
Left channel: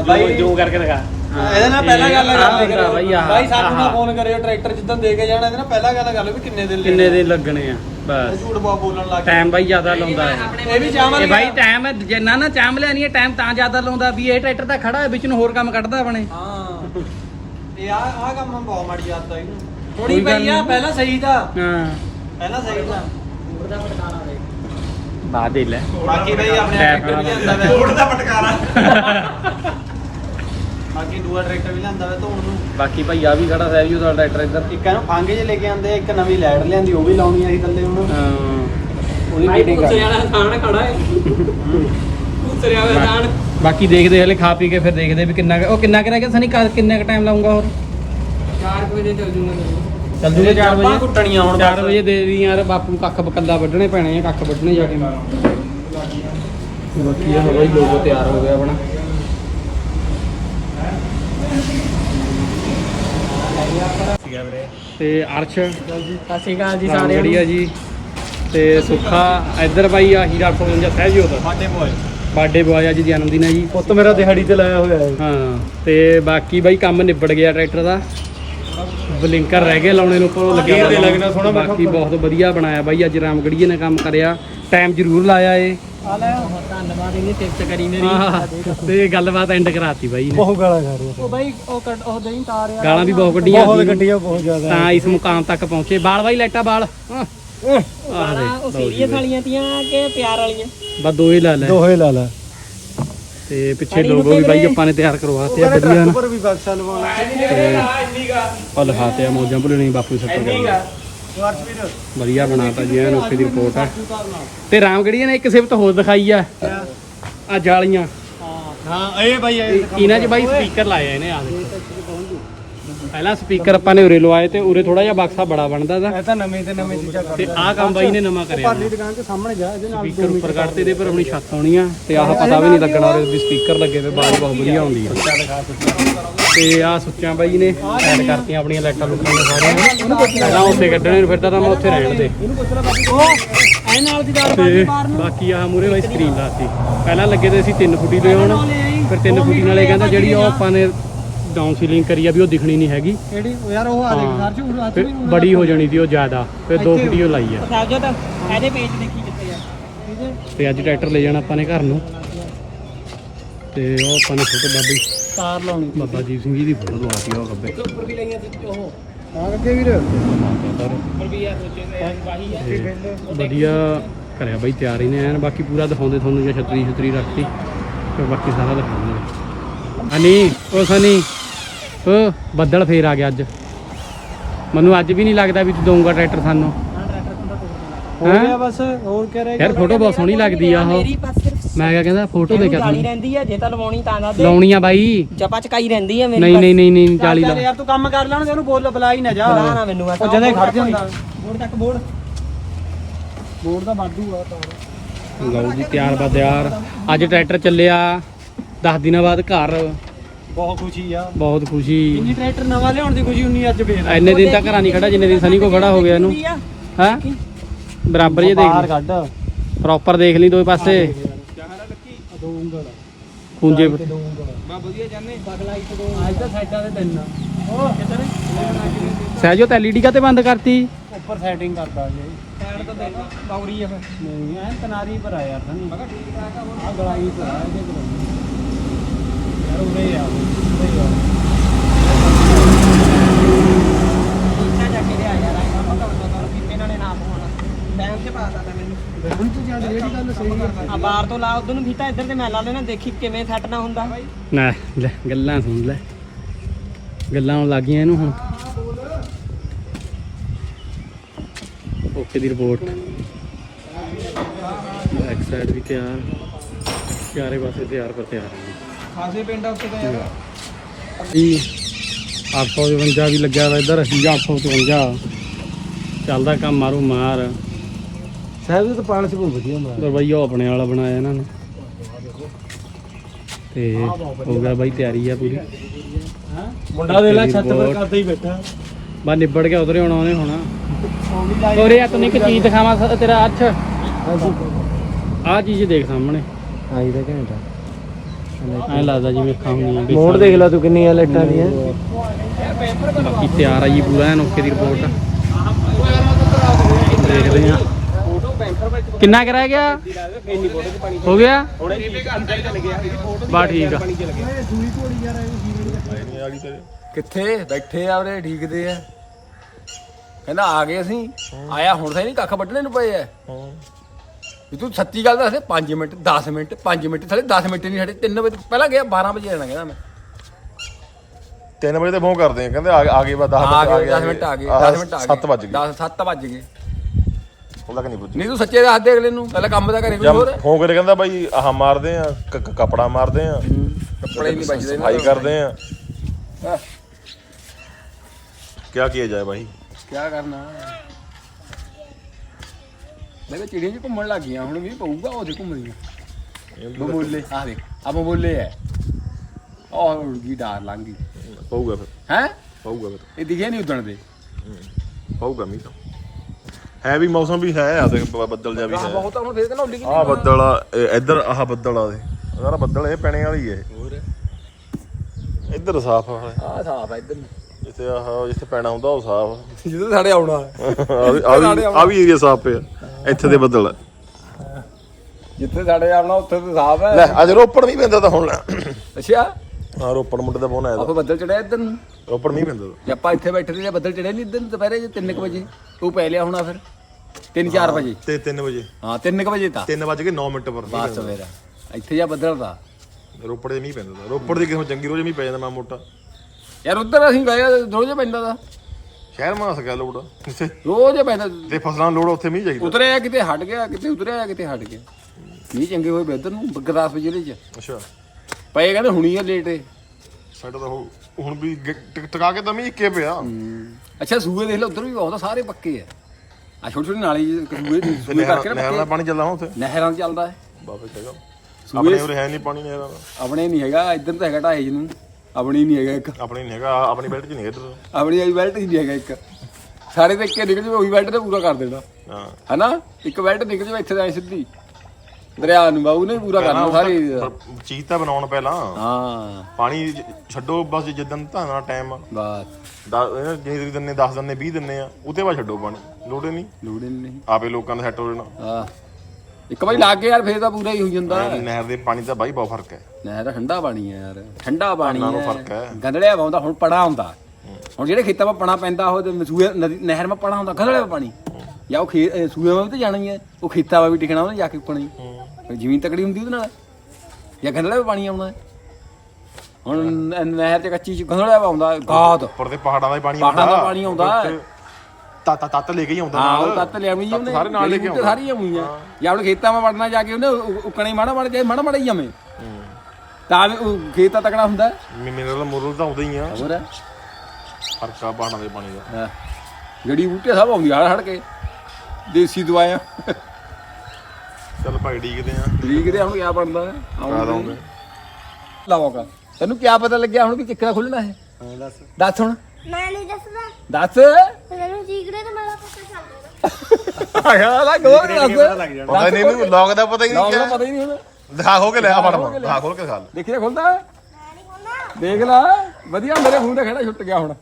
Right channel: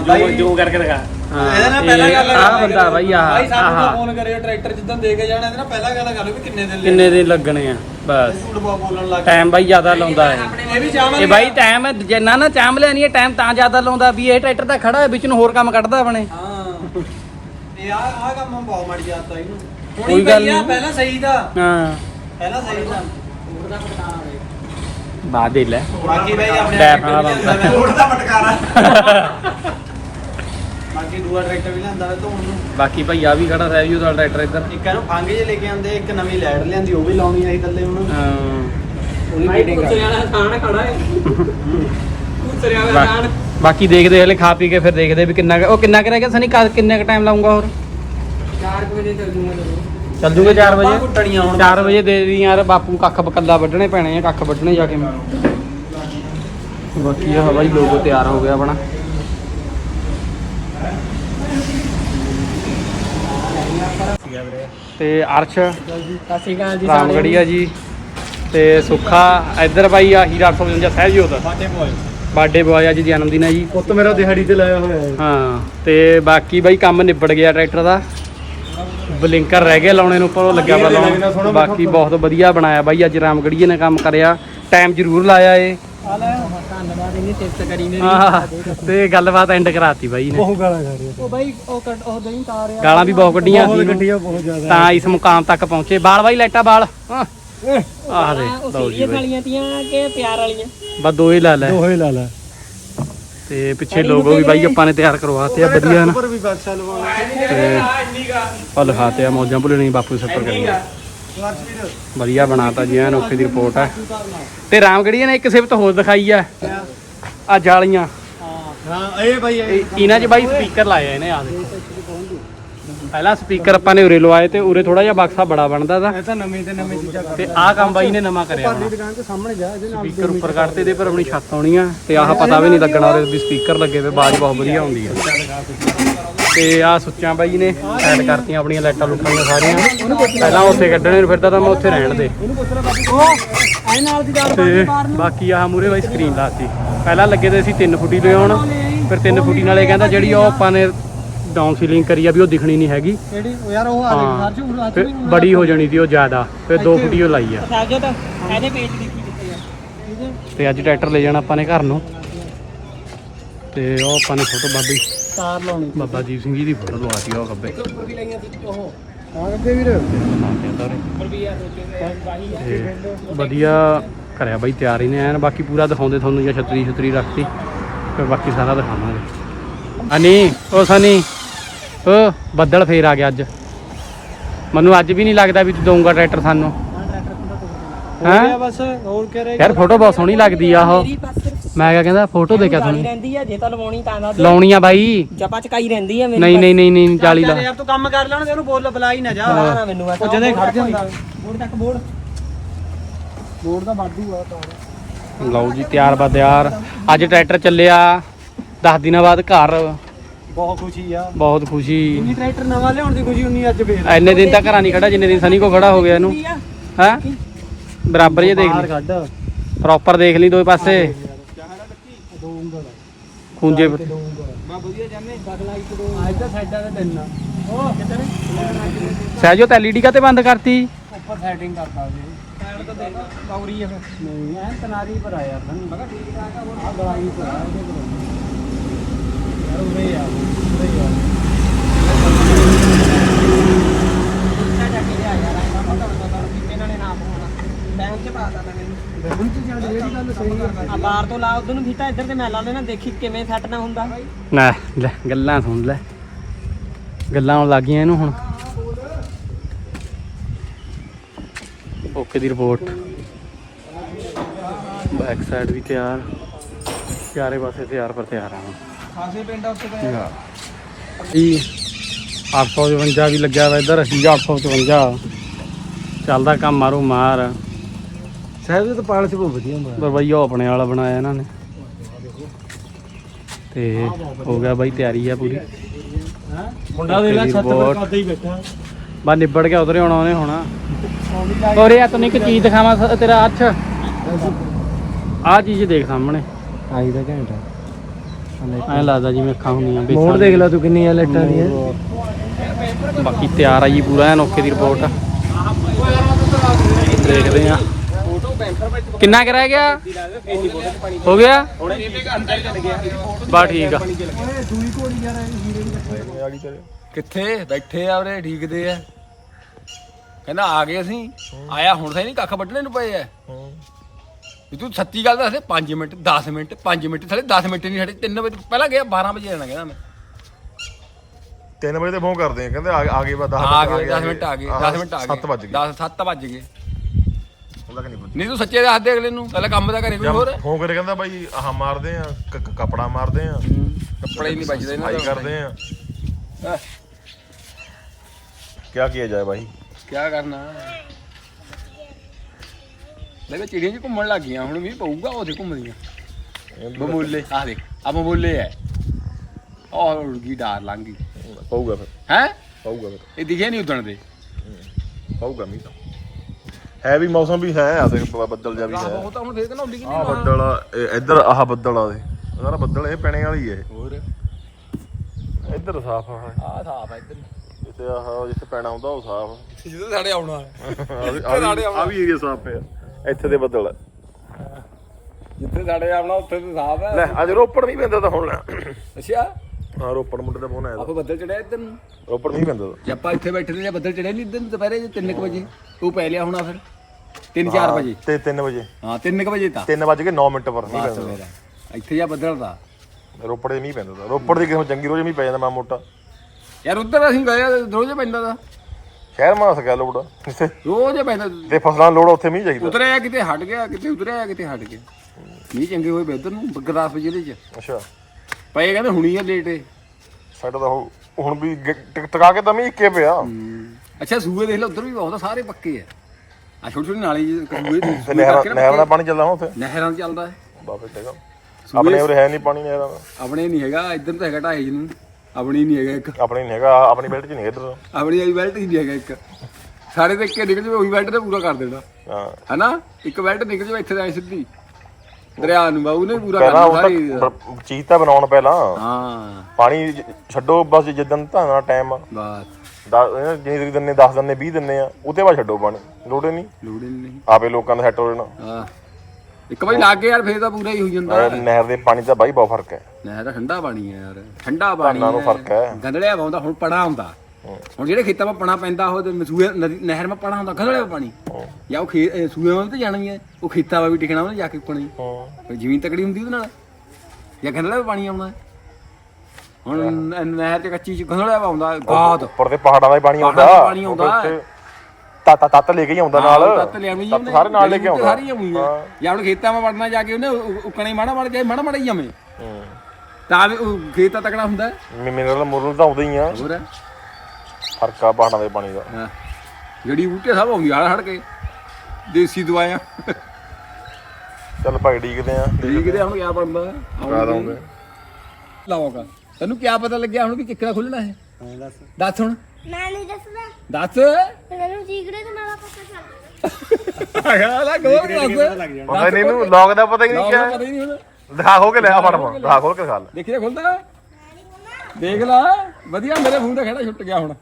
ਬਾਈ- ਜੂ ਕਰਕੇ ਲਗਾ ਇਹਦੇ ਨਾਲ ਪਹਿਲਾਂ ਗੱਲ ਕਰ ਬਾਈ ਆਹ, ਬਾਈ ਸਾਨੂੰ ਨਾ। ਫੋਨ ਕਰਿਓ ਟਰੈਕਟਰ ਜਿੱਦਾਂ ਦੇ ਕੇ ਜਾਣਾ ਇਹਦੇ ਨਾਲ ਪਹਿਲਾਂ ਗੱਲ ਕਰ ਲਓ ਵੀ ਕਿੰਨੇ ਦਿਨ ਕਿੰਨੇ ਦਿਨ ਲੱਗਣੇ ਆ ਬਸ। ਝੂਠ ਬਹੁਤ ਬੋਲਣ ਲੱਗ ਟਾਈਮ ਬਾਈ ਜ਼ਿਆਦਾ ਲਾਉਂਦਾ ਹੈ ਇਹ ਵੀ ਚਾਵਲ ਇਹ ਬਾਈ ਟਾਈਮ ਜਿੰਨਾ ਨਾ ਚਾਮ ਲੈਣੀ ਹੈ ਟਾਈਮ ਤਾਂ ਜ਼ਿਆਦਾ ਲਾਉਂਦਾ ਵੀ ਇਹ ਟਰੈਕਟਰ ਤਾਂ ਖੜਾ ਹੈ ਵਿੱਚ ਨੂੰ ਹੋਰ ਕੰਮ ਕੱਢਦਾ ਆਪਣੇ। ਹਾਂ। ਇਹ ਆ ਆ ਕੰਮ ਬਹੁਤ ਮਾੜੀ ਆਦਤ ਆ ਇਹਨੂੰ। ਕੋਈ ਹੁਣੀ ਗੱਲ ਪਈ ਆ ਨਹੀਂ। ਪਹਿਲਾਂ ਸਹੀ ਤਾਂ। ਹਾਂ। ਪਹਿਲਾਂ ਸਹੀ ਤਾਂ। ਬਾਦ ਦੇ ਲੈ। ਬਾਕੀ ਬਾਈ ਆਪਣੇ ਟੈਪ ਨਾਲ ਬੰਦਾ। ਕੋਟ ਦਾ ਪਟਕਾਰਾ। <laughs> ਬਾਕੀ ਦੂਆ ਟਰੈਕਟਰ ਵੀ ਲਿਆਂਦਾ ਵਾ ਧੋਣ ਨੂੰ। ਬਾਕੀ ਭਾਈ ਆ ਵੀ ਖੜਾ ਰਹਿ ਜੂ ਤੁਹਾਡਾ ਟਰੈਕਟਰ ਇੱਧਰ ਇੱਕ ਨਾ ਫਾਂਗੇ ਜੇ ਲੈ ਕੇ ਆਂਦੇ ਇੱਕ ਨਵੀਂ ਲੈਟ ਲਿਆਂਦੀ ਉਹ ਵੀ ਲਾਉਣੀ ਆਈ ਥੱਲੇ ਉਹਨੂੰ ਉਹਦੀ ਫਿਟਿੰਗ ਕਰ ਵਾਲਾ ਥਾਣ ਖੜਾ ਹੈ। ਉਤਰਿਆ ਹੋਇਆ ਥਾਣ ਬਾਕੀ ਦੇਖਦੇ ਹਲੇ ਖਾ ਪੀ ਕੇ ਫਿਰ ਦੇਖਦੇ ਵੀ ਕਿੰਨਾ ਕੁ- ਉਹ ਕਿੰਨਾ ਕੁ ਰਹਿ ਗਿਆ? ਸਨੀ ਕਦ- ਕਿੰਨਾ ਕੁ ਟਾਈਮ ਲਾਉਂਗਾ ਹੋਰ? 4 ਵਜੇ ਚੱਲ ਜੂਗਾ ਚੱਲ ਜੂਗੇ 4 ਆਪਾਂ ਵਜੇ? ਕੁੱਟਣੀਆਂ ਹੁਣ 4 ਵਜੇ ਦੇ ਦੀ ਯਾਰ ਬਾਪੂ ਕੱਖ ਬਕੱਲਾ ਵੱਢਣੇ ਪੈਣੇ ਆ ਕੱਖ ਵੱਢਣੇ ਜਾ ਕੇ। ਬਾਕੀ ਆ ਬਾਈ ਲੋਗੋ ਤਿਆਰ ਹੋ ਗਿਆ ਆਪਣਾ। ਤੇ ਅਰਸ਼। ਸਤਿ ਸ਼੍ਰੀ ਅਕਾਲ ਜੀ ਰਾਮਗੜੀਆ ਜੀ। ਤੇ ਸੁੱਖਾ ਇੱਧਰ ਬਾਈ ਆ ਹੀਰਾ 855 ਸਹਿਜੋਤ ਬਾਟੇ ਬੋਏ ਬਰਥਡੇ ਬੁਆਏ ਅੱਜ ਜਨਮ ਦਿਨ ਹੈ ਜੀ। ਪੁੱਤ ਮੇਰਾ ਦਿਹਾੜੀ ਤੇ ਲਾਇਆ ਹੋਇਆ ਹੈ। ਹਾਂ ਤੇ ਬਾਕੀ ਬਾਈ ਕੰਮ ਨਿਬੜ ਗਿਆ ਟਰੈਕਟਰ ਦਾ। ਬਲਿੰਕਰ ਰਹਿ ਗਿਆ ਲਾਉਣੇ ਨੂੰ ਲੱਗਿਆ ਵਾ ਲਾਉਣ। ਲੱਗਣਾ ਸੋਹਣਾ ਬਾਕੀ ਬਹੁਤ ਵਧੀਆ ਬਣਾਇਆ ਬਾਈ ਅੱਜ ਰਾਮਗੜੀਏ ਨੇ ਕੰਮ ਕਰਿਆ। ਟਾਈਮ ਜ਼ਰੂਰ ਲਾਇਆ ਏ। ਆ ਲੈ ਧੰਨਵਾਦ ਇਹਨੇ ਸਿਫਤ ਕਰੀ ਮੇਰੀ। ਤੇ ਗੱਲਬਾਤ ਐਂਡ ਕਰਾਤੀ ਬਾਈ ਨੇ। ਬਹੁਤ ਗਾਲਾਂ ਖਾ ਰਿਹਾ ਉਹ ਬਾਈ ਉਹ ਕੱਟ ਉਹ ਦਹੀਂ ਤਾਰ ਆ ਗਾਲਾਂ ਵੀ ਬਹੁਤ ਕੱਢੀਆਂ ਬਹੁਤ ਸੀ ਇਹਨੂੰ। ਗੱਡੀਆਂ ਬਹੁਤ ਜ਼ਿਆਦਾ। ਤਾਂ ਇਸ ਮੁਕਾਮ ਤੱਕ ਪਹੁੰਚੇ। ਬਾਲ ਬਾਈ ਲੈਟਾ ਬਾਲ। ਹਾਂ, ਆਹ ਦੇ ਉਹ ਲਓ ਜੀ ਸੀਰੀਅਸ ਬਾਈ। ਵਾਲੀਆਂ ਤੀਆਂ ਕਿ ਪਿਆਰ ਵਾਲੀਆਂ? ਬਸ ਦੋ ਹੀ ਲਾ ਲੈ। ਦੋਹੇ ਲਾ ਲਾ। ਤੇ ਪਿੱਛੇ ਲੋਗੋ ਵੀ ਬਾਈ ਆਪਾਂ ਨੇ ਤਿਆਰ ਕਰਵਾਤੇ ਆ ਵਧੀਆ ਨਾ। ਉੱਪਰ ਵੀ ਬਕਸਾ ਲਵਾਉਣਾ। ਤੇ ਆ ਲਿਖਾਤੇ ਆ ਮੌਜਾਂ ਭੁੱਲਣੀ ਬਾਪੂ ਕਰੀ ਵਾਰਸ਼ਵੀਰ ਵਧੀਆ ਬਣਾਤਾ ਜੀ ਐਨ ਓਕੇ ਦੀ ਰਿਪੋਰਟ ਹੈ ਤੇ ਰਾਮਗੜੀਏ ਨੇ ਇੱਕ ਸਿਫਤ ਹੋਰ ਦਿਖਾਈ ਆ। ਆ ਜਾਲੀਆਂ। ਹਾਂ ਹਾਂ ਇਹ ਬਾਈ ਇਹ- ਇਹਨਾਂ 'ਚ ਬਾਈ ਸਪੀਕਰ ਲਾਏ ਹੋਏ ਨੇ ਆ। ਪਹਿਲਾਂ ਸਪੀਕਰ ਆਪਾਂ ਨੇ ਉਰੇ ਲਵਾਏ ਤੇ ਉਰੇ ਥੋੜਾ ਜਿਹਾ ਬਕਸਾ ਬੜਾ ਬਣਦਾ ਦਾ ਇਹ ਤਾਂ ਨਵੇਂ ਤੇ ਨਵੇਂ ਚੀਜ਼ਾਂ ਤੇ ਆਹ ਕੰਮ ਬਾਈ ਨੇ ਨਵਾਂ ਕਰਿਆ ਪਰਲੀ ਦੁਕਾਨ ਤੇ ਸਾਹਮਣੇ ਜਾ ਇਹਦੇ ਨਾਲ ਸਪੀਕਰ ਉੱਪਰ ਕੱਢਤੇ ਦੇ ਪਰ ਆਪਣੀ ਛੱਤ ਆਉਣੀ ਆ। ਤੇ ਆਹ ਪਤਾ ਵੀ ਨਹੀਂ ਲੱਗਣਾ ਉਹਦੇ ਵੀ ਸਪੀਕਰ ਲੱਗੇ ਵੇ ਆਵਾਜ਼ ਬਹੁਤ ਵਧੀਆ ਆਉਂਦੀ ਆ। ਤੇ ਆਹ ਸੁੱਚਾਂ ਬਾਈ ਨੇ ਐਡ ਕਰਤੀਆਂ ਆਪਣੀਆਂ ਲਾਈਟਾਂ ਲੁੱਟਾਂ ਸਾਰੀਆਂ। ਪਹਿਲਾਂ ਉੱਥੇ ਕੱਢਣੇ ਨੂੰ ਫਿਰਦਾ ਤਾਂ ਮੈਂ ਉੱਥੇ ਰਹਿਣ ਦੇ। ਇਹਨੂੰ ਪੁੱਛ ਲੈ ਬਾਕੀ। ਉਹ ਐ ਨਾਲ ਦੀ ਗੱਲ ਤੇ ਬਾਕੀ ਆਹ ਮੂਰੇ ਵਾਲੀ ਸਕਰੀਨ ਲਾਤੀ। ਪਹਿਲਾਂ ਲੱਗੇ ਤੇ ਅਸੀਂ 3 ਫੁੱਟੀ ਦੇ ਹੁਣ ਫਿਰ 3 ਫੁੱਟੀ ਨਾਲ ਇਹ ਕਹਿੰਦਾ ਜਿਹੜੀ ਉਹ ਆਪਾਂ ਨੇ ਡਾਊਨ ਸੀਲਿੰਗ ਕਰੀ ਆ ਵੀ ਉਹ ਦਿਖਣੀ ਨਹੀਂ ਹੈਗੀ। ਕਿਹੜੀ? ਉਹ ਯਾਰ ਉਹ ਆ ਦੇਖ ਹਾਂ। ਚ ਫਿਰ ਵੀ ਬੜੀ ਹੋ ਜਾਣੀ ਸੀ ਉਹ ਜ਼ਿਆਦਾ। ਫਿਰ 2 ਫੁੱਟੀ ਉਹ ਲਾਈ ਆ। ਸਾਜੋ ਤਾਂ ਇਹਦੇ ਪੇਜ ਦੇਖੀ ਕਿੱਥੇ ਆ? ਇਹਦੇ? ਤੇ ਅੱਜ ਟਰੈਕਟਰ ਲੈ ਜਾਣਾ ਆਪਾਂ ਨੇ ਘਰ ਨੂੰ। ਤੇ ਉਹ ਆਪਾਂ ਨੇ ਫੋਟੋ ਬਾਬੀ ਤਾਰ ਲਾਉਣੀ ਬਾਬਾ ਜੀਤ ਸਿੰਘ ਜੀ ਦੀ ਫੋਟੋ ਲਵਾਤੀ ਉਹ ਗੱਬੇ ਉੱਪਰ ਵੀ ਲਈਆਂ ਸੀ ਉਹ। ਹਾਂ ਅੱਗੇ ਵੀਰ। ਉੱਪਰ ਵੀ ਆ ਸੋਚੇ ਵਾਹੀ ਆ। ਤੇ ਵਧੀਆ ਕਰਿਆ ਬਾਈ ਤਿਆਰੀ ਨੇ ਐਨ। ਬਾਕੀ ਪੂਰਾ ਦਿਖਾਉਂਦੇ ਤੁਹਾਨੂੰ ਜਾਂ ਛਤਰੀ ਛਤਰੀ ਰੱਖਤੀ। ਫਿਰ ਬਾਕੀ ਸਾਰਾ ਦਿਖਾਵਾਂਗੇ ਹਨੀ ਉਹ ਸਨੀ ਉਹ ਬੱਦਲ ਫੇਰ ਆ ਗਿਆ ਅੱਜ। ਮੈਨੂੰ ਅੱਜ ਵੀ ਨਹੀਂ ਲੱਗਦਾ ਵੀ ਤੂੰ ਦਊਂਗਾ ਟਰੈਕਟਰ ਸਾਨੂੰ। ਹੋ ਬਸ ਹੋਰ ਕਹਿ ਰਹੇ ਯਾਰ ਫੋਟੋ ਬਹੁਤ ਸੋਹਣੀ ਲੱਗਦੀ ਆ ਉਹ। ਮੈਂ ਕਿਹਾ ਕਹਿੰਦਾ ਫੋਟੋ ਦੇਖਿਆ ਕਾਲੀ ਤੁਹਾਨੂੰ ਰਹਿੰਦੀ ਆ ਜੇ ਤਾਂ ਲਵਾਉਣੀ ਤਾਂ ਨਾ ਦੇ। ਲਾਉਣੀ ਆ ਬਾਈ। ਜਪਾ ਚਕਾਈ ਰਹਿੰਦੀ ਆ ਮੇਰੀ ਨਹੀਂ ਨਹੀਂ ਨਹੀਂ ਨਹੀਂ 40 ਲਾ। ਯਾਰ ਤੂੰ ਕੰਮ ਕਰ ਲੈਣ ਉਹਨੂੰ ਬੋਲ ਬੁਲਾ ਹੀ ਨਾ ਜਾ। ਬੁਲਾ ਨਾ ਮੈਨੂੰ ਮੈਂ ਉਹ ਜਦੇ ਖੜ ਜਾਂਦਾ। ਬੋਰਡ ਤੱਕ ਬੋਰਡ। ਬੋਰਡ ਦਾ ਵਾਧੂ ਆ ਤਾਂ। ਲਓ ਜੀ ਤਿਆਰ ਬਾ ਤਿਆਰ। ਅੱਜ ਟਰੈਕਟਰ ਚੱਲਿਆ। 10 ਦਿਨਾਂ ਬਾਅਦ ਘਰ ਬਹੁਤ ਖੁਸ਼ੀ ਆ। ਬਹੁਤ ਖੁਸ਼ੀ। ਇੰਨੀ ਟਰੈਕਟਰ ਨਵਾਂ ਲਿਆਉਣ ਦੀ ਖੁਸ਼ੀ ਉਨੀ ਅੱਜ ਫੇਰ। ਐਨੇ ਦਿਨ ਤੱਕ ਘਰਾਂ ਨਹੀਂ ਖੜਾ ਜਿੰਨੇ ਦਿਨ ਸਨੀ ਕੋ ਖੜਾ ਹੋ ਗਿਆ ਇਹਨੂੰ। ਹੈ? ਬਰਾਬਰ ਹੀ ਦੇਖ ਬਾਹਰ ਲਈ। ਕੱਢ। ਪ੍ਰੋਪਰ ਦੇਖ ਲਈ ਦੋਵੇਂ ਪਾਸੇ। ਉਂਗਲ। ਖੂੰਜੇ ਦੋ ਉਂਗਲ। ਮੈਂ ਵਧੀਆ ਜਾਣੇ ਬਗਲਾ ਇੱਕ ਦੋ ਅੱਜ ਤਾਂ ਸਾਈਡਾਂ ਤੇ ਤਿੰਨ ਉਹ ਕਿੱਧਰ ਸਹਿਜੋ ਤੇ ਐਲਈਡੀ ਕਾਤੇ ਬੰਦ ਕਰਤੀ? ਉੱਪਰ ਸੈਟਿੰਗ ਕਰਦਾ ਜੀ। ਸਾਈਡ ਤਾਂ ਦੇਖ ਕੌਰੀ ਆ ਫਿਰ। ਨਹੀਂ ਐ ਤਨਾਰੀ ਪਰ ਆ ਯਾਰ ਮੈਂ ਠੀਕ ਠਾਕ ਆ ਗਲਾਈ ਪਰ ਆ ਇਹਦੇ ਪਰ ਬਾਹਰ ਤੋਂ ਲਾ ਉਧਰ ਨੂੰ ਫੀਤਾ ਇੱਧਰ ਤੇ ਮੈਂ ਲਾ ਲੈਣਾ ਦੇਖੀ ਕਿਵੇਂ ਸੈੱਟ ਨਾ ਹੁੰਦਾ ਨਾ ਲੈ ਗੱਲਾਂ ਸੁਣ ਲੈ। ਗੱਲਾਂ ਆਉਣ ਲੱਗੀਆਂ ਇਹਨੂੰ ਹੁਣ ਓਕੇ ਦੀ ਰਿਪੋਰਟ ਬੈਕ ਸਾਈਡ ਵੀ ਤਿਆਰ ਚਾਰੇ ਪਾਸੇ ਤਿਆਰ ਪਰ ਤਿਆਰ ਆ ਖਾਸੇ ਪਿੰਡ ਉੱਤੇ ਤਾਂ ਯਾਰ ਜੀ 855 ਵੀ ਲੱਗਿਆ ਵਾ ਇੱਧਰ ਅਸੀਂ 855 ਚੱਲਦਾ ਕੰਮ ਮਾਰੋ ਮਾਰ। ਸਾਹਿਬ ਦੇ ਤਾਂ ਪਾਲ ਚ ਬਹੁਤ ਵਧੀਆ ਹੁੰਦਾ ਪਰ ਬਾਈ ਉਹ ਆਪਣੇ ਵਾਲਾ ਬਣਾਇਆ ਇਹਨਾਂ ਨੇ। ਤੇ ਹੋ ਗਿਆ ਬਾਈ ਤਿਆਰੀ ਆ ਪੂਰੀ। ਹਾਂ? ਮੁੰਡਾ ਦੇ ਲੈ ਛੱਤ ਬਹੁਤ। ਤੇ ਕਰਦਾ ਹੀ ਬੈਠਾ। ਬਾ ਨਿਬੜ ਕੇ ਉਧਰੇ ਆਉਣਾ ਉਹਨੇ ਹੋਣਾ। ਔਰੇ ਆ ਤੈਨੂੰ ਇੱਕ ਚੀਜ਼ ਦਿਖਾਵਾਂ ਸ- ਤੇਰਾ ਹੱਥ। ਚੀਜ਼ ਦੇਖ ਸਾਹਮਣੇ। ਆਈ ਦਾ ਘੰਟਾ। ਐਂ ਲੱਗਦਾ ਜਿਵੇਂ ਅੱਖਾਂ ਹੁੰਦੀਆਂ ਵੀ ਮੋੜ ਦੇਖ ਲੈ ਤੂੰ ਕਿੰਨੀਆਂ ਲਾਈਟਾਂ ਦੀਆਂ। ਬਾਕੀ ਤਿਆਰ ਆ ਜੀ ਪੂਰਾ ਐਨ ਓਕੇ ਦੀ ਰਿਪੋਰਟ ਦੇਖਦੇ ਆ। ਕਿੰਨਾ ਕੁ ਰਹਿ ਗਿਆ? ਹੋ ਗਿਆ? ਬਾ ਠੀਕ ਆ। ਕਿੱਥੇ? ਬੈਠੇ ਆ ਉਰੇ ਠੀਕਦੇ ਆ। ਕਹਿੰਦਾ ਆ ਗਏ ਅਸੀਂ। ਆਇਆ ਹੁਣ ਤਾਂ ਨਹੀਂ ਕੱਖ ਵੱਢਣੇ ਨੂੰ ਪਏ ਆ। ਹਾਂ। ਵੀ ਤੂੰ ਸੱਚੀ ਗੱਲ ਦੱਸ 5 ਮਿੰਟ 10 ਮਿੰਟ 5 ਮਿੰਟ ਥਲੇ 10 ਮਿੰਟ ਨਹੀਂ ਸਾਡੇ 3 ਵਜੇ ਤੋਂ ਪਹਿਲਾਂ ਗਿਆ 12 ਵਜੇ ਆਣਾ ਕਹਿੰਦਾ ਮੈਂ। 3 ਵਜੇ ਤੇ ਫੋਨ ਕਰਦੇ ਆ ਕਹਿੰਦੇ ਆ ਆ ਗਏ ਬਾ 10 ਆ ਗਏ 10 ਮਿੰਟ ਆ ਗਏ 10 ਮਿੰਟ ਆ ਗਏ। 7 ਵਜ ਗਏ। 10 7 ਵੱਜ ਗਏ। ਉਹਦਾ ਕਿ ਨਹੀਂ ਪੁੱਛੀ ਨਹੀਂ ਤੂੰ ਸੱਚੇ ਦੱਸ ਦੇ ਅਗਲੇ ਨੂੰ ਪਹਿਲਾਂ ਕੰਮ ਤਾਂ ਕਰੇ ਕੋਈ ਹੋਰ। ਫੋਨ ਕਰੇ ਕਹਿੰਦਾ ਬਾਈ ਆਹ ਮਾਰਦੇ ਆ ਕ- ਕ- ਕੱਪੜਾ ਮਾਰਦੇ ਆ। ਕੱਪੜੇ ਨਹੀਂ ਬਚਦੇ ਸਫ਼ਾਈ ਤੋਂ। ਕਰਦੇ ਆ। ਕੀ ਕੀਆ ਜਾਏ ਬਾਈ? ਕਿਆ ਕਰਨਾ? ਦੇਖੋ ਚਿੜੀਆਂ ਜੀ ਘੁੰਮਣ ਲੱਗ ਗਈਆਂ ਹੁਣ ਵੀ ਪਊਗਾ ਉਹਦੇ ਘੁੰਮਦੀਆਂ। ਬਮੋਲੇ ਆ ਦੇਖ ਆ ਬਮੋਲੇ ਹੈ। ਉਹ ਉੜਗੀ ਡਾਰ ਲੰਗੀ ਪਊਗਾ ਫਿਰ। ਹੈ? ਪਊਗਾ ਫਿਰ। ਇਹ ਦਿਖਿਆ ਨਹੀਂ ਉਦਣ ਦੇ। ਪਊਗਾ ਮੀਂਹ ਤਾਂ। ਹੈ ਵੀ ਮੌਸਮ ਵੀ ਹੈ ਆ ਦੇਖ ਬੱਦਲ ਜਾ ਵੀ ਹੈ। ਉਹ ਤਾਂ ਹੁਣ ਫੇਰ ਕਹਿੰਦਾ ਉੱਲੀ ਆ ਬੱਦਲ ਆ, ਇੱਧਰ ਆਹ ਬੱਦਲ ਆ ਦੇ। ਸਾਰਾ ਬੱਦਲ ਇਹ ਪੈਣੇ ਵਾਲੀ ਹੈ। ਹੋਰ? ਇੱਧਰ ਸਾਫ਼ ਆ। ਆ ਸਾਫ਼ ਹੈ ਇੱਧਰ। ਜਿੱਥੇ ਆਹ ਜਿੱਥੇ ਪੈਣਾ ਹੁੰਦਾ ਉਹ ਸਾਫ਼ ਜਿੱਦੋਂ ਸਾਡੇ ਆਉਣਾ। ਆ ਵੀ ਆ ਵੀ ਏਰੀਆ ਸਾਫ਼ ਪਿਆ। ਇੱਥੇ ਦੇ ਬੱਦਲ। ਜਿੱਥੇ ਸਾਡੇ ਆਉਣਾ ਉੱਥੇ ਤਾਂ ਸਾਫ਼ ਹੈ। ਲੈ ਅੱਜ ਰੋਪੜ ਨਹੀਂ ਪੈਂਦਾ ਤਾਂ ਹੁਣ ਅੱਛਾ। ਹਾਂ ਰੋਪੜ ਮੁੰਡੇ ਦਾ ਫੋਨ ਆਇਆ ਆਪੇ ਤਾ। ਬੱਦਲ ਚੜਿਆ ਇੱਧਰ ਨੂੰ? ਰੋਪੜ ਨਹੀਂ ਪੈਂਦਾ ਤਾ। ਜੇ ਆਪਾਂ ਇੱਥੇ ਬੈਠੇ ਤੇ ਬੱਦਲ ਚੜਿਆ ਨਹੀਂ ਇੱਧਰ ਦੁਪਹਿਰੇ ਜੇ 3 ਵਜੇ? ਉਹ ਪੈ ਲਿਆ ਹੋਣਾ ਫਿਰ। 3-4 ਵਜੇ। ਤੇ 3 ਵਜੇ। ਹਾਂ 3 ਵਜੇ ਤਾਂ। 3 ਵਜ ਕੇ 9 ਮਿੰਟ ਪਰ ਨਹੀਂ ਬਸ ਪੈਂਦਾ। ਇੱਥੇ ਜਾ ਬੱਦਲ ਦਾ। ਰੋਪੜ ਦੇ ਨਹੀਂ ਪੈਂਦਾ ਤਾ। ਰੋਪੜ ਦੀ ਕਿਸੇ ਚੰਗੀ ਰੋਜ਼ ਮੀਂਹ ਪੈ ਜਾਂਦਾ ਮੈਂ ਮੋਟਾ। ਯਾਰ ਉੱਧਰ ਅਸੀਂ ਗਏ ਰੋਜ਼ ਪੈਂਦਾ ਦਾ ਸ਼ਹਿਰ ਮਾਸ ਗਿਆ ਲੋੜ ਜਿੱਥੇ ਰੋਜ਼ ਪੈਂਦਾ ਤੇ ਫਸਲਾਂ ਲੋੜ ਉੱਥੇ ਮੀਂਹ ਚਾਹੀਦਾ ਉਤਰਿਆ ਕਿਤੇ ਹਟ ਗਿਆ ਕਿਤੇ ਉਤਰਿਆ ਕਿਤੇ ਹਟ ਗਿਆ। ਮੀਂਹ ਚੰਗੇ ਹੋਏ ਬੇਦਰ ਨੂੰ ਗੁਰਦਾਸਪੁਰ ਜ਼ਿਲ੍ਹੇ ਚ। ਅੱਛਾ। ਪਏ ਕਹਿੰਦੇ ਹੁਣੀ ਆ ਲੇਟ ਏ। ਸਾਡਾ ਤਾਂ ਉਹ ਹੁਣ ਵੀ ਟਿਕ- ਟਿਕਾ ਕੇ ਤਾਂ ਮੀ ਇੱਕੇ ਪਿਆ। ਅੱਛਾ ਸੂਏ ਦੇਖ ਲਓ ਉਧਰ ਵੀ ਬਹੁਤ ਸਾਰੇ ਪੱਕੇ ਆ। ਆ ਛੋਟੀ ਛੋਟੀ ਨਾਲੀ ਸੂਏ ਨਹਿਰ ਦਾ। ਪਾਣੀ ਚੱਲਦਾ ਉੱਥੇ। ਨਹਿਰਾਂ ਚੱਲਦਾ ਹੈ ਬਾਬੇ ਤੇਗਾ ਸੂਏ- ਆਪਣੇ ਉਰੇ ਹੈ ਨਹੀਂ ਪਾਣੀ ਨਹਿਰਾਂ ਦਾ। ਆਪਣੇ ਨਹੀਂ ਹੈਗਾ ਇੱਧਰ ਤਾਂ ਹੈਗਾ ਢਾਈ ਨੂੰ ਆਪਣੀ ਨਹੀਂ ਹੈਗਾ ਇੱਕ। ਆਪਣੇ ਨਹੀਂ ਹੈਗਾ ਆਪਣੀ ਬੈਲਟ 'ਚ ਨਹੀਂ ਇੱਧਰ? ਆਪਣੀ ਆਈ ਬੈਲਟ ਹੀ ਨਹੀਂ ਹੈਗਾ ਇੱਕ। ਸਾਰੇ ਤੇ ਇੱਕੇ ਨਿਕਲ ਜਾਵੇ ਉਹੀ ਬੈਲਟ ਤੇ ਪੂਰਾ ਕਰ ਦੇਣਾ। ਹਾਂ। ਹੈਨਾ? ਇੱਕ ਬੈਲਟ ਨਿਕਲ ਜਾਵੇ ਇੱਥੇ ਤਾਂ ਐਂ ਸਿੱਧੀ। ਦਰਿਆ ਨੂੰ ਬਾਬੂ ਨੇ ਪੂਰਾ ਕਰਨਾ ਸਾਰੀ। ਤਾਂ ਚੀਜ਼ ਤਾਂ ਬਣਾਉਣ ਪਹਿਲਾਂ। ਹਾਂ। ਪਾਣੀ ਜ- ਛੱਡੋ ਬਸ ਜਿੱਦਣ ਧਾਨਾ ਟਾਈਮ ਬਸ। ਤਰੀਕ ਦਿੰਨੇ 10 ਦਿੰਨੇ 20 ਦਿੰਨੇ ਆ ਉਹਦੇ ਬਾਅਦ ਛੱਡੋ ਪਾਣੀ। ਲੋੜੇ ਨਹੀਂ। ਲੋੜ ਹੀ ਨਹੀਂ। ਆਪੇ ਲੋਕਾਂ ਦਾ ਸੈੱਟ ਹੋ ਜਾਣਾ। ਹਾਂ। ਇੱਕ ਵਾਰੀ ਲੱਗ ਗਿਆ ਯਾਰ ਫੇਰ ਤਾਂ ਪੂਰਾ ਹੀ ਹੋ ਜਾਂਦਾ। ਨਹਿਰ ਦੇ ਪਾਣੀ ਦਾ ਬਾਈ ਬਹੁਤ ਫ਼ਰਕ ਹੈ। ਨਹਿਰ ਦਾ ਠੰਡਾ ਪਾਣੀ ਹੈ ਯਾਰ ਠੰਡਾ ਪਾਣੀ ਨਾਲੋਂ ਫ਼ਰਕ ਹੈ। ਗੰਦੜਿਆ ਪਾਉਂਦਾ ਹੁਣ ਪੜਾ ਹੁੰਦਾ ਹੁਣ ਜਿਹੜੇ ਖੇਤਾਂ 'ਚ ਪਣਾ ਪੈਂਦਾ ਉਹ ਤੇ ਮਸੂਏ ਨਦੀ ਨਹਿਰ 'ਚ ਪਣਾ ਹੁੰਦਾ ਗੰਦੜਿਆ ਪਾਣੀ। ਜਾਂ ਉਹ ਸੂਏ ਵਿੱਚ ਤਾਂ ਜਾਣਾ ਹੀ ਉਹ ਖੇਤਾਂ 'ਚ ਵੀ ਟਿਕਣਾ ਉਹਨੇ ਜਾ ਕੇ ਉੱਕਣੀ ਹੂੰ। ਜ਼ਮੀਨ ਤਕੜੀ ਹੁੰਦੀ ਉਹਦੇ ਨਾਲ ਜਾਂ ਗੰਦੜਿਆ ਪਾਣੀ ਆਉਣਾ ਹੈ ਹੁਣ ਨ- ਨਹਿਰ 'ਚ ਕੱਚੀ 'ਚ ਗੰਦੜਿਆ ਆਉਂਦਾ ਗਾਦ ਉੱਪਰ ਤੇ ਪਹਾੜਾਂ ਦਾ ਹੀ ਪਾਣੀ ਆਉਂਦਾ। ਪਹਾੜਾਂ ਦਾ ਪਾਣੀ ਆਉਂਦਾ। ਤੱਤ ਤੱਤ ਲੈ ਕੇ ਹੀ ਆਉਂਦਾ ਨਾਲ। ਤੱਤ ਲਿਆਉਣੀ ਤੱਤ ਸਾਰੇ ਨਾਲ ਲੈ ਕੇ ਆਉਂਦਾ। ਸਾਰੀ ਆਉਣੀ ਆ ਜਾਂ ਹੁਣ ਖੇਤਾਂ 'ਚ ਵੜਨਾ ਜਾ ਕੇ ਉਹਨੇ ਉੱਕਣੇ ਮਾੜਾ ਮਾੜਾ ਜਾਏ ਮਾੜਾ ਮਾੜਾ ਹੀ ਜਾਵੇਂ। ਹੂੰ। ਤਾਂ ਖੇਤ ਤਾਂ ਤਕੜਾ ਹੁੰਦਾ ਹੈ। ਮਿਨਰਲ ਮੁਰਲ ਤਾਂ ਆਉਂਦਾ ਹੀ ਆ। ਹੋਰ ਹੈ। ਫ਼ਰਕ ਆ ਪਹਾੜਾਂ ਦੇ ਪਾਣੀ ਦਾ। ਜੜੀ ਬੂਟੇ ਸਭ ਆਉਂਦੀ ਹੜ ਹੜ ਕੇ। ਦੇਸੀ ਦਵਾਈਆਂ। ਚੱਲ ਭਾਈ ਡੀਕਦੇ ਆ। ਠੀਕ ਦੇ ਹੁਣ ਕਿਆ ਬਣਦਾ? ਕਰਾ ਦਊਂਗੇ ਲਾਵਾਂਗਾ ਤੈਨੂੰ ਕਿਆ ਪਤਾ ਲੱਗਿਆ ਹੁਣ ਵੀ ਕਿੱਕਰਾ ਖੁੱਲਣਾ ਹੈ ਦੱਸ। ਦੱਸ ਹੁਣ। ਮੈਂ ਨਹੀਂ ਦੱਸਦਾ। ਦੱਸ। ਤੈਨੂੰ ਚੀਕੜੇ ਤੇ ਮੇਰਾ ਪਤਾ ਚੱਲ ਜਾਣਾ। ਹੈਗਾ ਦਾ ਗੋਰ ਦੱਸ। ਪਤਾ ਨਹੀਂ ਇਹਨੂੰ ਲੌਗ ਦਾ ਪਤਾ ਹੀ ਨਹੀਂ ਲਾਉਣਾ ਕਿਆ। ਪਤਾ ਹੀ ਨਹੀਂ ਹੁਣ ਦਿਖਾ ਖੋ ਕੇ ਲੈ ਆ ਫੜ ਫੜ ਦਿਖਾ ਖੋਲ ਕੇ ਦਿਖਾ ਲੈ। ਦੇਖੀ ਤਾਂ ਖੁੱਲਦਾ। ਦੇਖ ਲੈ ਵਧੀਆ ਮੇਰੇ ਫੋਨ ਤੇ ਖੜਾ ਛੁੱਟ ਗਿਆ ਹੁਣ।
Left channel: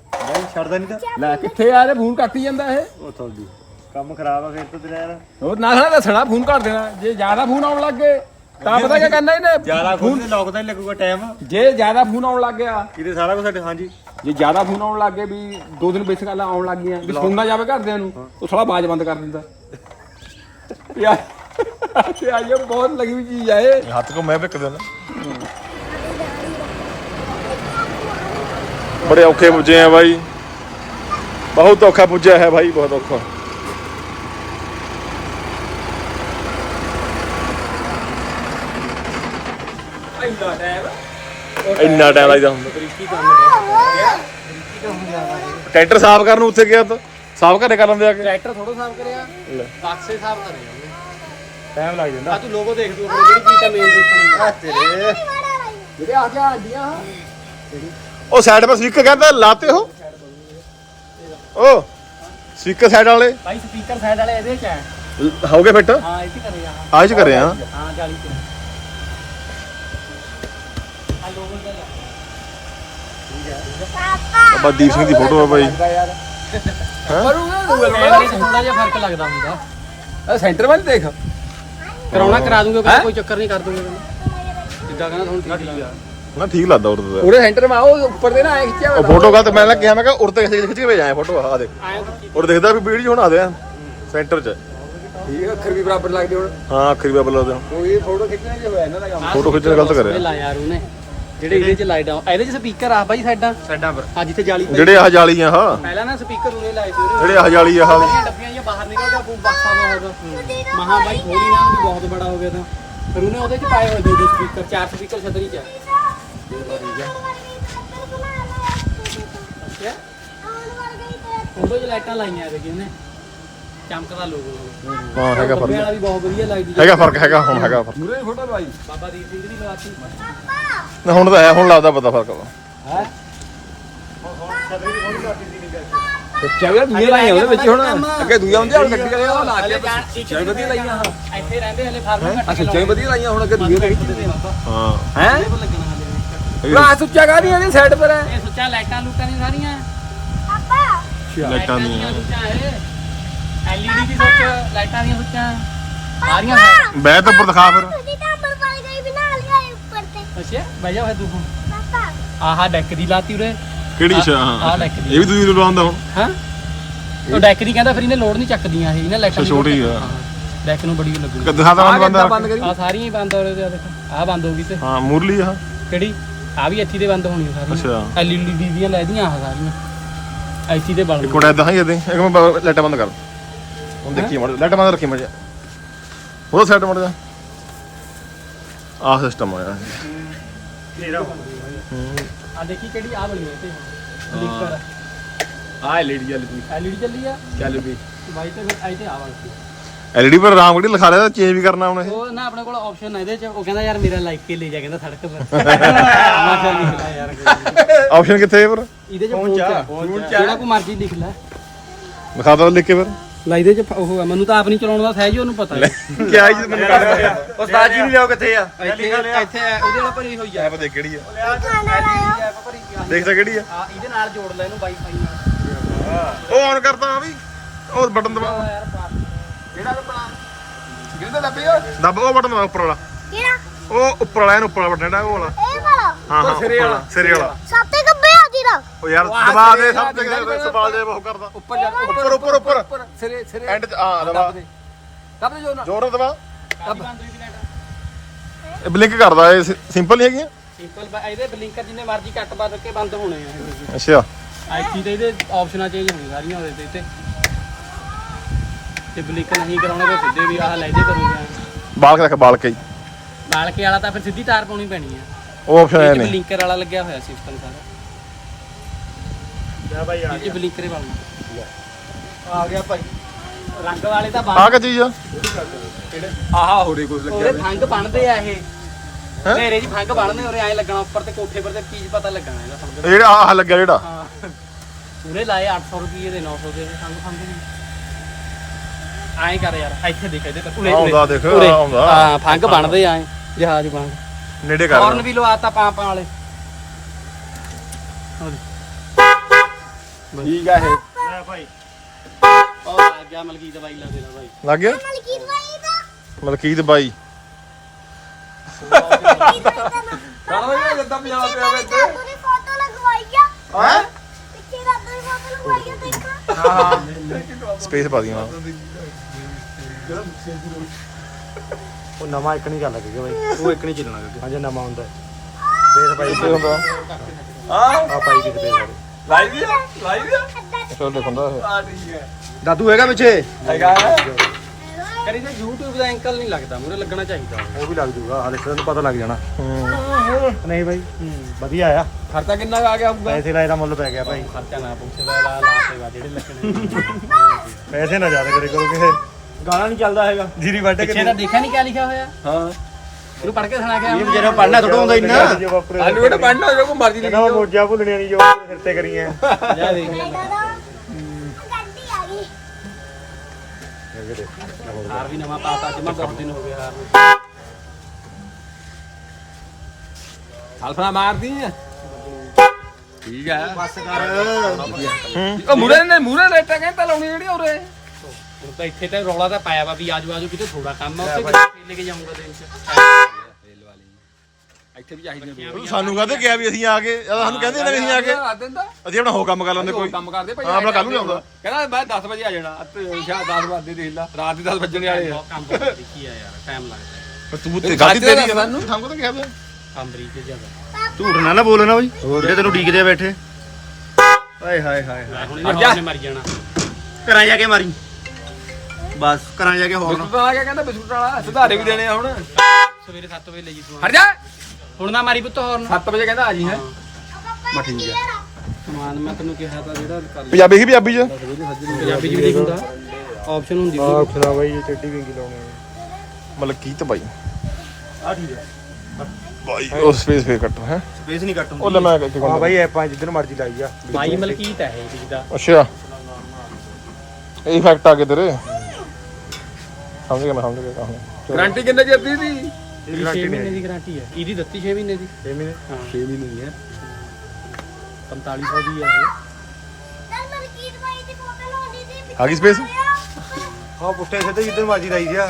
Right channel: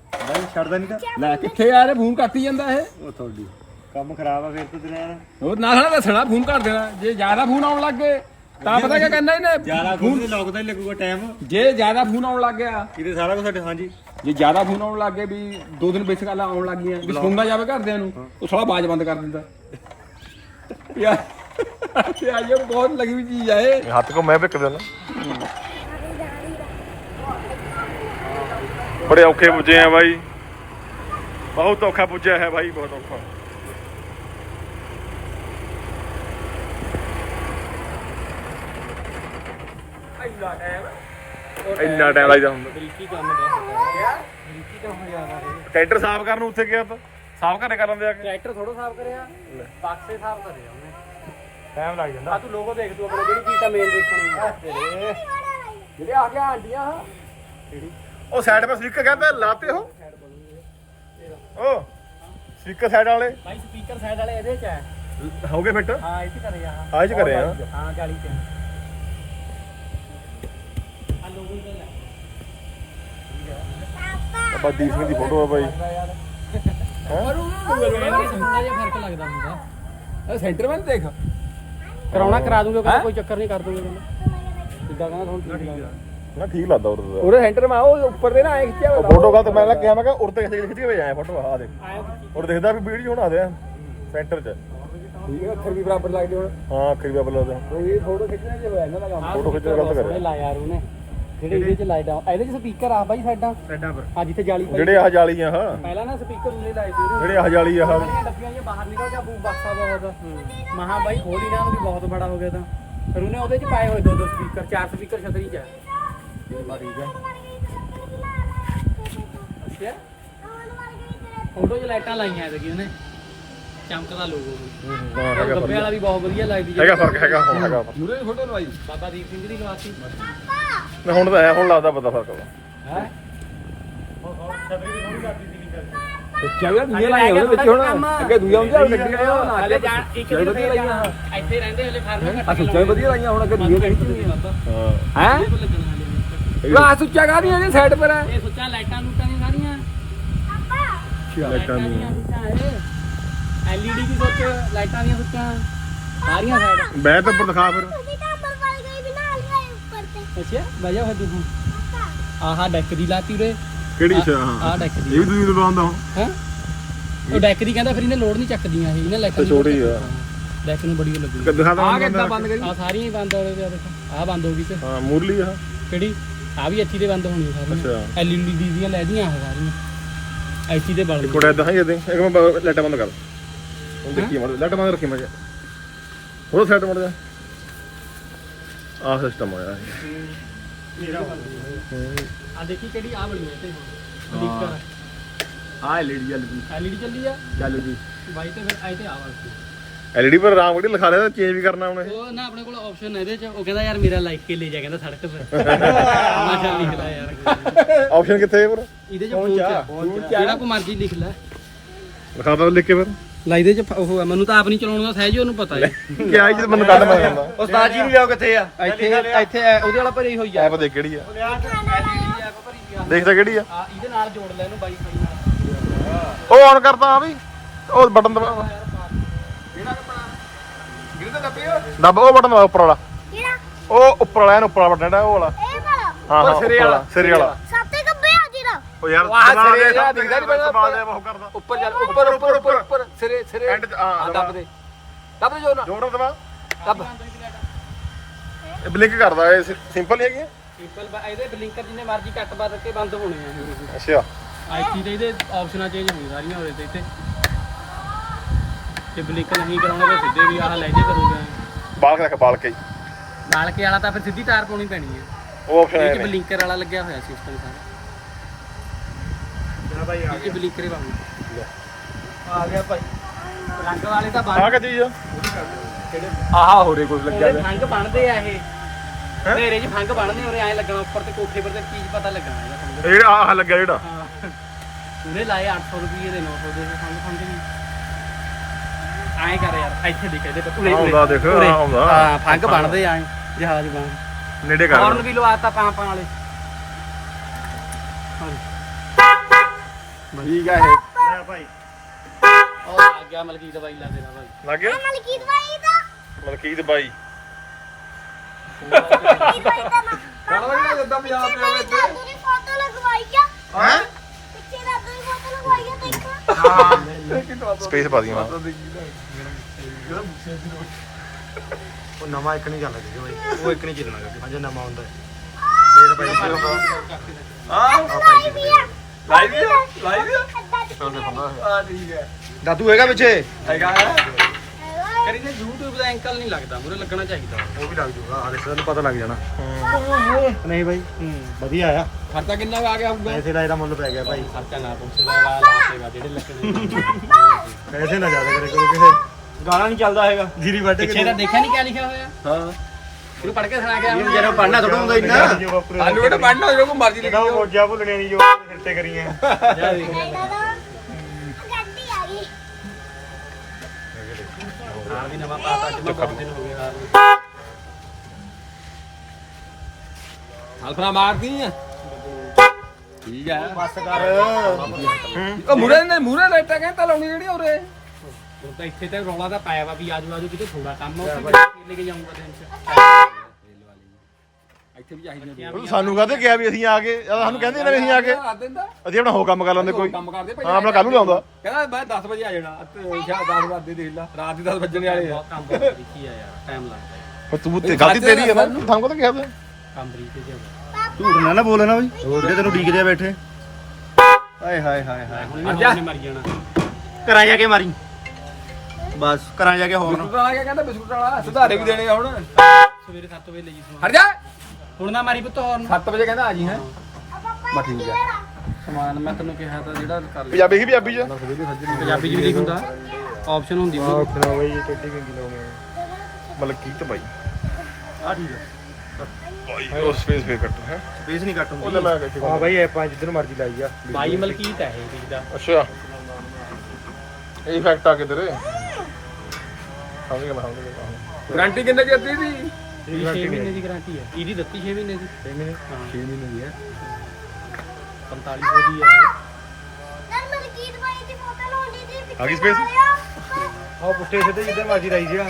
ਛੱਡਦਾ ਨਹੀਂ ਤਾਂ। ਲੈ ਕਿੱਥੇ ਆ ਇਹ? ਫੋਨ ਕੱਟ ਹੀ ਜਾਂਦਾ ਇਹ। ਉਹ ਤੁਹਾਡੀ। ਕੰਮ ਖਰਾਬ ਆ ਫਿਰ ਤਾਂ ਤੇਰਾ ਯਾਰ। ਉਹ ਨਾ ਨਾ ਦੱਸਣਾ ਫੋਨ ਕਰ ਦੇਣਾ। ਜੇ ਜ਼ਿਆਦਾ ਫੋਨ ਆਉਣ ਲੱਗ ਗਏ। ਤਾਂ ਪਤਾ ਕੀ ਕਹਿੰਦਾ ਇਹਨੇ? ਜ਼ਿਆਦਾ ਫੋਨ ਤੇ ਲੋਕ ਦਾ ਹੀ ਲੱਗੂਗਾ ਟਾਈਮ ਜੇ ਜ਼ਿਆਦਾ ਫੋਨ ਆਉਣ ਲੱਗ ਗਿਆ। ਕਿਤੇ ਸਾਰਾ ਕੁਝ ਸਾਡੇ ਹਾਂਜੀ। ਜੇ ਜ਼ਿਆਦਾ ਫੋਨ ਆਉਣ ਲੱਗ ਗਏ ਵੀ ਦੋ ਦਿਨ ਵਿੱਚ ਗੱਲਾਂ ਆਉਣ ਲੱਗ ਗਈਆਂ ਵੀ ਸੁਣਨਾ ਜਾਵੇ ਘਰਦਿਆਂ ਨੂੰ ਉਹ ਸਾਲਾ ਬਾਜ ਬੰਦ ਕਰ ਦਿੰਦਾ। ਯਾਰ ਤੇ ਆਈਓ ਬਹੁਤ ਲੱਗੀ ਵੀ ਚੀਜ਼ ਆ ਇਹ। ਹੱਥ ਕੋ ਮੈਂ ਵਿਕ ਦੇਣਾ ਬੜੇ ਔਖੇ ਪੁੱਜੇ ਆ ਭਾਈ ਬਹੁਤ ਔਖਾ ਪੁੱਜਿਆ ਹੈ ਭਾਈ ਬਹੁਤ ਔਖਾ। ਇੰਨਾ ਟਾਈਮ ਲੱਗਦਾ ਹੁੰਦਾ। ਟਰੈਕਟਰ ਸਾਫ਼ ਕਰਨ ਨੂੰ ਉੱਥੇ ਗਿਆ ਤਾਂ? ਸਾਫ਼ ਘਰੇ ਕਰ ਲੈਂਦੇ ਆ ਕੇ? ਟਰੈਕਟਰ ਥੋੜਾ ਸਾਫ਼ ਕਰਿਆ। ਬਾਕਸੇ ਸਾਫ਼ ਕਰੇ ਉਹਨੇ। ਟਾਈਮ ਲੱਗ ਜਾਂਦਾ। ਆ ਤੂੰ ਲੋਗੋ ਦੇਖ ਤੂੰ ਆਪਣੇ ਜਿਹੜੀ ਚੀਜ਼ ਦਾ ਮੇਨ ਦੇਖਣੀ ਜਿਹੜੇ ਆ ਗਿਆ ਆਂਡੀਆਂ ਉਹ ਸਾਈਡ 'ਤੇ ਸਪੀਕਰ ਕਹਿੰਦਾ ਲਾਤੇ ਹੋ ਓ ਸਪੀਕਰ ਸਾਈਡ ਵਾਲੇ? ਭਾਈ ਸਪੀਕਰ ਸਾਈਡ ਵਾਲੇ ਇਹਦੇ ਚ ਹੈ ਹੋ ਗਏ ਫਿੱਟ? ਹਾਂ ਇੱਥੇ ਕਰੇ ਆ ਆਜ ਕਰੇ ਆ ਹਾਂ ਜਾਲੀ ਚ। ਆ ਦਾ ਲੈ ਮਨਦੀਪ ਸਿੰਘ ਦੀ ਫੋਟੋ ਹੈ ਭਾਈ ਥੋੜਾ ਜਿਹਾ ਫ਼ਰਕ ਲੱਗਦਾ ਹੁੰਦਾ? ਸੈਂਟਰ ਵੱਲ ਦੇਖ। ਕਰਾਉਣਾ ਕਰਾ ਦੂੰਗੇ ਕੋਈ- ਚੱਕਰ ਨਹੀਂ ਕਰ ਦੂੰਗੇ। ਜਿੱਦਾਂ ਕਹਿੰਦਾ ਤੁਹਾਨੂੰ ਠੀਕ ਆ। ਨਾ ਠੀਕ ਲੱਗਦਾ ਉਰਦਾ ਉਹਦੇ ਸੈਂਟਰ ਮਾ ਉਹ ਉੱਪਰ ਦੇ ਨਾ ਐ ਖਿੱਚਿਆ ਉਹ ਫੋਟੋ ਕਾ ਤੇ ਮੈਂ ਨਾ ਕਿਹਾ ਮੈਂ ਕਿਹਾ ਉਰਤੇ ਖਿੱਚ ਖਿੱਚ ਕੇ ਭੇਜਾਇਆ ਫੋਟੋ ਆ ਦੇ ਉਰ ਦਿਖਦਾ ਵੀ ਵੀਡੀਓ ਬਣਾ ਦੇ ਆ ਸੈਂਟਰ 'ਚ। ਇਹ ਅੱਖਰ ਵੀ ਬਰਾਬਰ ਲੱਗਦੇ ਹੁਣ। ਹਾਂ ਆਖਰੀ ਬਾਬਲ ਉਹਦੇ ਉਹ ਇਹ ਫੋਟੋ ਖਿੱਚਣਾ ਜੇ ਹੋਇਆ ਇਹਨਾਂ ਦਾ ਕੰਮ। ਫੋਟੋ ਖਿੱਚਣ ਗਲਤ ਕਰਿਆ। ਯਾਰ ਉਹਨੇ। ਜਿਹੜੇ ਇਹਦੇ ਚ ਲਾਈਟ ਆ ਇਹਦੇ ਚ ਸਪੀਕਰ ਆ ਬਾਈ ਸਾਡਾ? ਸਾਡਾ ਪਰ ਹਾਂ ਜਿੱਥੇ ਜਾਲੀ ਪਈ। ਜਿਹੜੇ ਆਹ ਜਾਲੀਆਂ ਹਾਂ। ਪਹਿਲਾਂ ਨਾ ਸਪੀਕਰ ਉਹਨੇ ਲਾਏ ਸੀ ਉਹਦੇ ਜਿਹੜੇ ਆਹ ਜਾਲੀ ਆ ਹਾਂ। ਸਾਰੀਆਂ ਡੱਬੀਆਂ ਜਿਹੀਆਂ ਬਾਹਰ ਨਿਕਲਦਾ ਬੂ ਬਕਸਾ ਬਹੁਤ। ਮਹਾ ਬਾਈ ਖੋਲੀ ਨਾ ਵੀ ਬਹੁਤ ਬੜਾ ਹੋ ਗਿਆ ਤਾਂ। ਫਿਰ ਉਹਨੇ ਉਹਦੇ ਚ ਪਾਏ ਹੋਏ ਦੋ ਦੋ ਸਪੀਕਰ ਚਾਰ ਸਪੀਕਰ ਛਤਰੀ ਚ। ਅੱਛਾ। ਉਹਦੇ ਚ ਲਾਈਟਾਂ ਲਾਈਆਂ ਇਹਦੇ ਕੀ ਉਹਨੇ ਚਮਕਦਾ ਲੋਗੋ ਹਾਂ ਹੈਗਾ ਫ਼ਰਕ। ਵਾਲਾ ਵੀ ਬਹੁਤ ਵਧੀਆ ਲਾਈਟ ਹੈਗਾ ਫ਼ਰਕ ਹੈਗਾ ਹੁਣ ਹੈਗਾ ਫ਼ਰਕ। ਮੂਰੇ ਫੋਟੋ ਲਵਾਈ। ਬਾਬਾ ਦੀਪ ਸਿੰਘ ਦੀ ਲਵਾਤੀ। ਨਾ ਹੁਣ ਤਾਂ ਹੈ ਹੁਣ ਲੱਗਦਾ ਪਤਾ ਫ਼ਰਕ ਹੈ? ਚਾਹੀਦਾ ਦੂਜੇ ਲਾਈਆਂ ਉਹਦੇ ਵਿੱਚ ਹੁਣ। ਅੱਗੇ ਦੂਜਾ ਹੁੰਦੇ ਹੁਣ ਗੱਡੀ ਆਇਆ ਉਹ ਲਾ ਕੇ ਚਾਹੀ ਵਧੀਆ ਲਾਈਆਂ। ਇੱਥੇ ਰਹਿੰਦੇ ਹਲੇ ਫਾਰਮ ਆ ਸੁੱਚਾ ਵਧੀਆ ਲਾਈਆਂ ਹੁਣ ਅੱਗੇ ਦੂਜੇ ਲਾਈਆਂ ਹਾਂ? ਹੈ ਲਾ ਸੁੱਚਾ ਕਾ ਨਹੀਂ ਇਹਦੀ ਸਾਈਡ ਪਰ ਹੈ। ਇਹ ਸੁੱਚਾ ਲਾਈਟਾਂ ਲੂਟਾਂ ਨਹੀਂ ਸਾਰੀਆਂ। ਲਾਈਟਾਂ ਦੀਆਂ। ਐਲਈਡੀ ਦੀ ਸੁੱਚਾ ਲਾਈਟਾਂ ਦੀਆਂ ਸੁੱਚਾਂ ਸਾਰੀਆਂ ਮੈਂ ਤਾਂ ਉੱਪਰ ਦਿਖਾ ਫਿਰ। ਉਹਦੀ ਤਾਂ ਅੰਬਰ ਵਾਲੀ ਗਈ ਬਿਨਾ ਲਿਆ ਉੱਪਰ ਤੇ। ਅੱਛਾ ਮੈਂ ਜਾ ਫਿਰ ਦੂਜੂ ਪਾਪਾ। ਆਹਾ ਡੈਕ ਦੀ ਲਾਤੀ ਉਰੇ। ਕਿਹੜੀ ਆਹ ਹਾਂ ਲੈ ਇਹ ਵੀ ਦੂਜੀ ਲਵਾਉਂਦਾ ਹੁਣ ਹਾਂ? ਉਹ ਡੈਕ ਦੀ ਕਹਿੰਦਾ ਫਿਰ ਇਹਨੇ ਲੋਡ ਨਹੀਂ ਚੱਕਦੀਆਂ ਇਹ ਇਹਨਾਂ ਲਾਈਟਾਂ ਛੋਟੀ ਆ। ਡੈਕ ਨੂੰ ਬੜੀ ਲੱਗੂ ਕਿ ਦਿਖਾ ਤਾਂ ਆ ਬੰਦ ਕਿੱਦਾਂ ਬੰਦ ਕਰੀ? ਆ ਸਾਰੀਆਂ ਹੀ ਬੰਦ ਹੋ ਰਹੀਆਂ ਦੇਖੋ। ਆ ਬੰਦ ਹੋ ਗਈ ਤੇ। ਹਾਂ ਮੁਰਲੀ ਆ। ਕਿਹੜੀ? ਆ ਵੀ ਇੱਥੇ ਦੇ ਬੰਦ ਹੋਣੀ ਸਾਰੀਆਂ। ਅੱਛਾ। ਐਲਈਡੀ ਦੀਆਂ ਆ ਸਾਰੀਆਂ। ਦੇ ਕੋੜਾ ਜਦੇ ਇੱਕ ਮੈਂ ਬ- ਲਾਈਟਾਂ ਬੰਦ ਕਰ ਹੁਣ ਦੇਖੀ ਮੜ ਲਾਈਟਾਂ ਬੰਦ ਰੱਖੀ ਮੜ ਜਾ ਉਹਦਾ ਸੈੱਟ ਮੜ ਜਾ ਆਹ ਸਿਸਟਮ ਆਇਆ ਆ ਦੇਖੀ ਕਿਹੜੀ ਆ ਬਣੀ ਹੈ ਤੇ ਬਲਿੰਕਰ ਆ ਐਲਈਡੀ ਚੱਲ ਪਈ ਐਲਈਡੀ ਚੱਲੀ ਆ? ਚੱਲ ਪਈ ਬਾਈ ਤੇ ਫਿਰ ਆਈ ਤੇ ਆ ਵਾਲੀ। ਐਲਈਡੀ ਪਰ ਰਾਮ ਕਿਹੜੀ ਲਿਖਾ ਰਿਹਾ ਚੇਂਜ ਵੀ ਕਰਨਾ ਹੁਣ ਇਹ ਉਹ ਨਾ ਆਪਣੇ ਕੋਲ ਆਪਸ਼ਨ ਹੈ ਇਹਦੇ ਚ। ਉਹ ਕਹਿੰਦਾ ਯਾਰ ਮੇਰਾ ਲਾਈਕ ਕੇ ਲੈ ਜਾ ਕਹਿੰਦਾ ਸੜਕ ਪਰ। ਮੈਂ ਕਿਹਾ ਲਿਖ ਲੈ ਯਾਰ ਆਪਸ਼ਨ ਕਿੱਥੇ ਹੈ ਪਰ ਇਹਦੇ ਚ ਫੋਨ ਚ ਜਿਹੜਾ ਕੋ ਮਰਜ਼ੀ ਲਿਖ ਲੈ। ਲਿਖਾ ਦੋ ਲਿਖ ਕੇ ਫਿਰ। ਲਾ ਇਹਦੇ ਚ ਉਹ ਆ, ਮੈਨੂੰ ਤਾਂ ਆਪ ਨਹੀਂ ਚਲਾਉਣ ਦਾ ਸਹਿਜ ਉਹਨੂੰ ਪਤਾ ਹੈ ਕੀ ਆਈ ਜਦ ਮੈਨੂੰ ਕੱਢ ਮੈਂ ਉਸਤਾਦ ਜੀ ਨੂੰ ਲਿਆਓ ਕਿੱਥੇ ਆ? ਇੱਥੇ ਇੱਥੇ ਉਹਦੇ ਵਾਲਾ ਭਰੀ ਹੋਈ ਆ। ਐਪ ਦੇਖ ਕਿਹੜੀ ਆ। ਦੇਖਦਾ ਕਿਹੜੀ ਆ। ਆ ਇਹਦੇ ਨਾਲ ਜੋੜ ਲੈ ਇਹਨੂੰ ਵਾਈਫਾਈ ਨਾਲ ਉਹ ਆਨ ਕਰਦਾ ਆ ਵੀ ਉਹ ਬਟਨ ਦਬਾ। ਕਿਹੜਾ ਕੱਪੜਾ ਕਿਹਦੇ ਲੱਭੇ ਓ ਦੱਬ ਉਹ ਬਟਨ ਉੱਪਰ ਵਾਲਾ। ਕਿਹੜਾ? ਉਹ ਉੱਪਰ ਵਾਲਾ ਇਹਨੂੰ ਉੱਪਰ ਵਾਲਾ ਬਟਨ ਜਿਹੜਾ ਉਹ ਵਾਲਾ। ਇਹ ਵਾਲਾ? ਹਾਂ ਹਾਂ ਉੱਪਰ ਵਾਲਾ ਸਿਰੇ ਵਾਲਾ। ਸਾਤੇ ਉਹ ਯਾਰ ਦਬਾ ਦੇ ਸਭ ਤੇ ਸਵਾਲ ਦੇ ਉਹ ਕਰਦਾ। ਉੱਪਰ ਜਾ ਉੱਪਰ ਉੱਪਰ ਉੱਪਰ ਸਿਰੇ ਸਿਰੇ। ਐਂਡ ਚ ਆ ਦਬਾ। ਦੱਬ ਦੇ। ਜੋ ਨਾ ਜ਼ੋਰ ਨਾਲ ਦਬਾ। ਦੱਬ। ਇਹ ਬਲਿੰਕ ਕਰਦਾ ਇਹ ਸਿੰਪਲ ਨਹੀਂ ਹੈਗੀ? ਸਿੰਪਲ ਇਹਦੇ ਬਲਿੰਕਰ ਜਿੰਨੇ ਮਰਜ਼ੀ ਕੱਟ ਬਾਦ ਕੇ ਬੰਦ ਹੋਣੇ ਆ। ਅੱਛਾ। ਆਈਪੀ ਤੇ ਇਹਦੇ ਆਪਸ਼ਨਾਂ ਚੇਂਜ ਹੋਣੀ ਸਾਰੀਆਂ ਉਹਦੇ ਤੇ ਇੱਥੇ ਤੇ ਬਲਿੰਕਰ ਨਹੀਂ ਕਰਾਉਣਾ ਤਾਂ ਸਿੱਧੇ ਵੀ ਆਹ ਲੈ ਜੇ। ਕਰੂਗੇ ਬਾਲ ਕੇ ਰੱਖ ਬਾਲ ਕੇ। ਹੀ। ਨਾਲ ਕੇ ਵਾਲਾ ਤਾਂ ਫਿਰ ਸਿੱਧੀ ਤਾਰ ਪਾਉਣੀ ਪੈਣੀ ਹੈ। ਉਹ ਆਪਸ਼ਨ ਹੈ ਨਹੀਂ। ਬਲਿੰਕਰ ਵਾਲਾ ਲੱਗਿਆ ਹੋਇਆ ਸਿਸਟਮ ਸਾਰਾ। ਇਹ ਬਲਿੰਕਰ ਹੀ ਬਣੂ ਆ ਗਿਆ ਭਾਈ। ਰੰਗ ਵਾਲੇ ਤਾਂ ਆ ਬੰਦ ਕੀ ਚੀਜ਼ ਆ ਆਹ ਹੋਰੇ ਕੁਝ ਲੱਗਿਆ ਉਹਦੇ ਫੰਗ ਬਣਦੇ ਆ ਇਹ। ਹੈਂ? ਨੇਰੇ ਜੀ ਫੰਗ ਬਣਦੇ ਉਰੇ ਐ ਲੱਗਣਾ ਉੱਪਰ ਤੇ ਕੋਠੇ ਪਰ ਤੇ ਚੀਜ਼ ਪਤਾ ਲੱਗਣਾ ਇਹਦਾ ਫੰਗ। ਇਹ ਜਿਹੜਾ ਆਹ ਲੱਗਿਆ ਜਿਹੜਾ? ਹਾਂ। ਉਹਨੇ ਲਾਏ 800 ਰੁਪਏ ਦੇ 900 ਦੇ ਫੰਗ ਫੰਗ ਨਹੀਂ ਆਏ ਕਰ ਯਾਰ ਇੱਥੇ ਦੇਖ ਇਹਦੇ ਤੇ ਉਰੇ- ਆਉਂਦਾ ਉਰੇ- ਦੇਖ, ਉਰੇ। ਆਉਂਦਾ। ਹਾਂ ਫੰਗ ਬਣਦੇ ਆ ਐਂ, ਜਹਾਜ਼ ਬਣ ਨੇੜੇ ਕਰ ਹਾਰਨ ਵੀ ਲਵਾਤਾ ਪਾਂਪਾਂ ਵਾਲੇ। ਠੀਕ ਆ ਇਹ। ਉਹ ਆ ਗਿਆ ਮਲਕੀ ਦਵਾਈ ਲਾ ਦੇਣਾ ਭਾਈ ਲੱਗ ਗਿਆ? ਮਲਕੀ ਦਵਾਈ ਦਾ। ਮਲਕੀਤ ਬਾਈ। ਮਲਕੀ ਦਵਾਈ ਦਾ ਨਾ। ਕਾਹਦਾ ਜਿੱਦਾਂ ਪੰਜਾਬ ਪਿਆ ਵਿੱਚ ਦੀ ਫੋਟੋ ਲਗਵਾਈ ਆ। ਹੈ? ਪਿੱਛੇ ਦੀ ਫੋਟੋ ਲਗਵਾਈ ਆ ਦੇਖ। ਹਾਂ ਸਪੇਸ ਪਾ ਦੀਆਂ ਉਹ ਨਵਾਂ ਇੱਕ ਨਹੀਂ ਚੱਲ ਲੱਗੇਗਾ ਬਾਈ ਉਹ ਇੱਕ ਨਹੀਂ ਚੱਲਣਾ ਅਜੇ ਨਵਾਂ ਹੁੰਦਾ। ਕਿੱਥੇ ਹੁੰਦਾ। ਆ ਪਾਈ ਕਿਤੇ ਲਾਈ ਲਾਈ ਦਿਆ ਚਲੋ ਦਿਖਾਉਂਦਾ ਆ। ਠੀਕ ਹੈ। ਦਾਦੂ ਹੈਗਾ ਪਿੱਛੇ। ਹੈਗਾ ਕਰੀ ਤੇ YouTube ਦਾ ਐਂਕਲ ਨਹੀਂ ਲੱਗਦਾ ਮੂਰੇ ਲੱਗਣਾ ਚਾਹੀਦਾ। ਉਹ ਵੀ ਲੱਗ ਜੂਗਾ ਹਾਲੇ ਤੁਹਾਨੂੰ ਪਤਾ ਲੱਗ ਜਾਣਾ। ਹੂੰ। ਨਹੀਂ ਬਾਈ ਵਧੀਆ ਆ। ਖਰਚਾ ਕਿੰਨਾ ਆ ਗਿਆ ਹੋਊਗਾ? ਪੈਸੇ ਦਾ ਇਹਦਾ ਮੁੱਲ ਪੈ ਗਿਆ ਭਾਈ। ਖਰਚਾ ਨਾ ਪੁੱਛਦਾ ਲਾ ਲਾ ਕੇ ਵਾ ਜਿਹੜੇ ਲੱਗਣੇ ਪੈਸੇ ਨਾ ਜ਼ਿਆਦਾ ਕਿਤੇ ਕਰੋ ਕਿਸੇ ਗਾਣਾ ਨਹੀਂ ਚੱਲਦਾ ਹੈਗਾ। ਜੀਰੀ ਵੱਢ ਕੇ ਪਿੱਛੇ ਤਾਂ ਦੇਖਿਆ ਨਹੀਂ ਕਿਆ ਲਿਖਿਆ ਹੋਇਆ। ਹਾਂ। ਉਹਨੂੰ ਪੜ੍ਹ ਕੇ ਸੁਣਾ ਕੇ ਇਹ ਜਿਹੜਾ ਪੜਨਾ ਥੋੜਾ ਹੁੰਦਾ ਇੰਨਾ। ਆਲੂ ਵੜ ਪੜਨਾ ਹੋਵੇ ਕੋ ਮਰਜ਼ੀ ਕਹਿੰਦਾ ਉਹ ਮੋਜਾ ਭੁੱਲਣੀਆਂ ਨਹੀਂ ਜੋ ਸਿਰ ਤੇ ਕਰੀਆਂ। ਨਹੀਂ ਦਾਦਾ ਗੱਡੀ ਆ ਗਈ ਹਾਰ ਵੀ ਨਵਾਂ ਪਾਤਾ ਜਮਾ ਕਰ ਦਿਨ ਹੋ ਗਿਆ ਹਲਫਣਾ ਮਾਰਦੀ ਆ। ਠੀਕ ਆ। ਬਸ ਕਰ। ਉਹ ਮੂਰੇ ਨੇ ਮੂਰੇ ਲਾਈਟਾਂ ਕਹਿੰਦਾ ਲਾਉਣੀ ਜਿਹੜੀ ਉਰੇ। ਹੁਣ ਤਾਂ ਇੱਥੇ ਤੇ ਰੌਲਾ ਤਾਂ ਪਾਇਆ ਵਾ ਵੀ ਆਜੂ ਆਜੂ ਕਿਤੇ ਥੋੜਾ ਕੰਮ ਆ ਉੱਥੇ ਕਿਤੇ ਲੈ ਕੇ ਜਾਊਂਗਾ ਦਿਨ ਚ। ਇੱਥੇ ਵੀ ਚਾਹੀਦੀ ਉਹ ਸਾਨੂੰ ਕਹਦੇ ਕਿਹਾ ਵੀ ਅਸੀਂ ਆ ਜਾਂ ਸਾਨੂੰ ਕਹਿੰਦੇ ਨੇ ਵੀ ਅਸੀਂ ਆ ਦਾ ਅਸੀਂ ਆਪਣਾ ਹੋ ਕੰਮ ਕਰ ਲੈਂਦੇ ਕੋਈ। ਕੰਮ ਕਰਦੇ ਭਾਈ ਹਾਂ ਆਪਣਾ ਕੱਲ ਨੂੰ ਆਉਂਦਾ। ਕਹਿੰਦਾ ਮੈਂ 10 ਵਜੇ ਆ ਜਾਣਾ। ਸ਼ਾਇਦ 10 ਵਜੇ ਦੇਖ ਲਾ ਰਾਤ ਦੇ 10 ਵੱਜਣ ਵਾਲੇ ਆ। ਬਹੁਤ ਕੰਮ ਕੀ ਆ ਯਾਰ ਟਾਈਮ ਲੱਗਦਾ ਪਰ ਤੂੰ ਤੇ ਗਲਤੀ ਤੇਰੀ ਹੈ ਨਾ। ਸਾਨੂੰ ਕਹਦਾ ਕਿਹਾ ਵੇ ਕੰਮ ਬਰੀਕ ਜ਼ਿਆਦਾ। ਝੂਠ ਨਾ ਨਾ ਬੋਲਣਾ ਬਈ। ਜਿਹੜੇ ਤੈਨੂੰ ਡੀਕਦੇ ਆ ਬੈਠੇ। ਹਾਏ ਹਾਏ ਹਾਏ ਹਾਏ। ਮਰ ਜਾਣਾ। ਘਰਾਂ ਜਾ ਕੇ ਮਾਰੀ। ਬਸ ਘਰਾਂ ਜਾ ਕੇ ਹੋਰ। ਬਿਸਕੁਟ ਵਾਲਾ ਕਹਿੰਦਾ? ਬਿਸਕੁਟ ਵਾਲਾ। ਸੁਧਾਰੇ ਵੀ ਦੇਣੇ ਆ ਹੁਣ। ਸਵੇਰੇ 7 ਵਜੇ ਲੈ ਜੀ ਹਟ ਸਮਾਨ ਜਾ। ਹੁਣ ਨਾ ਮਾਰੀ ਪੁੱਤ ਹੋਰ 7 ਵਜੇ ਕਹਿੰਦਾ ਆ ਜੀ ਹੈ। ਬਸ ਠੀਕ ਆ। ਸਮਾਨ ਮੈਂ ਤੈਨੂੰ ਕਿਹਾ ਤਾਂ ਜਿਹੜਾ ਕਰ ਲਿਆ। ਪੰਜਾਬੀ ਕੀ ਪੰਜਾਬੀ ਚ ਪੰਜਾਬੀ ਜੀ ਕੀ ਹੁੰਦਾ। ਆਪਸ਼ਨ ਹੁੰਦੀ ਆ ਉਹ ਉੱਠਣਾ ਬਈ ਚੋਟੀ ਵੀ ਲਾਉਣੀ ਮਲਕੀਤ ਬਾਈ? ਆ ਠੀਕ ਆ। ਬਾਈ ਉਹ ਸਪੇਸ ਫੇਰ ਕੱਟ ਹੈ। ਸਪੇਸ ਨਹੀਂ ਕੱਟ ਉਹ ਲੈ ਮੈਂ ਕੀ ਹਾਂ ਬਾਈ ਐਪਾਂ ਜਿੱਧਰ ਮਰਜ਼ੀ ਲਾਈ ਆ। ਬਾਈ ਮਲਕੀਤ ਹੈ ਇਹ ਚੀਜ਼ ਦਾ? ਅੱਛਾ। ਇਹ ਇਫੈਕਟ ਆ ਗਏ ਤੇਰੇ। ਸਮਝ ਗਿਆ ਮੈਂ ਸਮਝ ਗਿਆ ਗਾਰੰਟੀ ਕਿੰਨੇ ਚਿਰ ਦੀ? ਸੀ ਇਹਦੀ 6 ਮਹੀਨੇ ਦੀ ਗਾਰੰਟੀ ਹੈ। ਇਹਦੀ ਦਿੱਤੀ 6 ਮਹੀਨੇ ਦੀ? 6 ਮਹੀਨੇ ਦੀ ਹੈ 4500 ਦੀ ਹੈ। ਯਾਰ ਮਲਕੀ ਦਵਾਈ ਦੀ ਫੋਟੋ ਲਾਉਂਦੀ ਸੀ ਆ ਗਈ space? ਉਹ ਪੁੱਠੇ ਸਿੱਧੇ ਜਿੱਧਰ ਮਰਜ਼ੀ ਲਾਈ ਜਾ।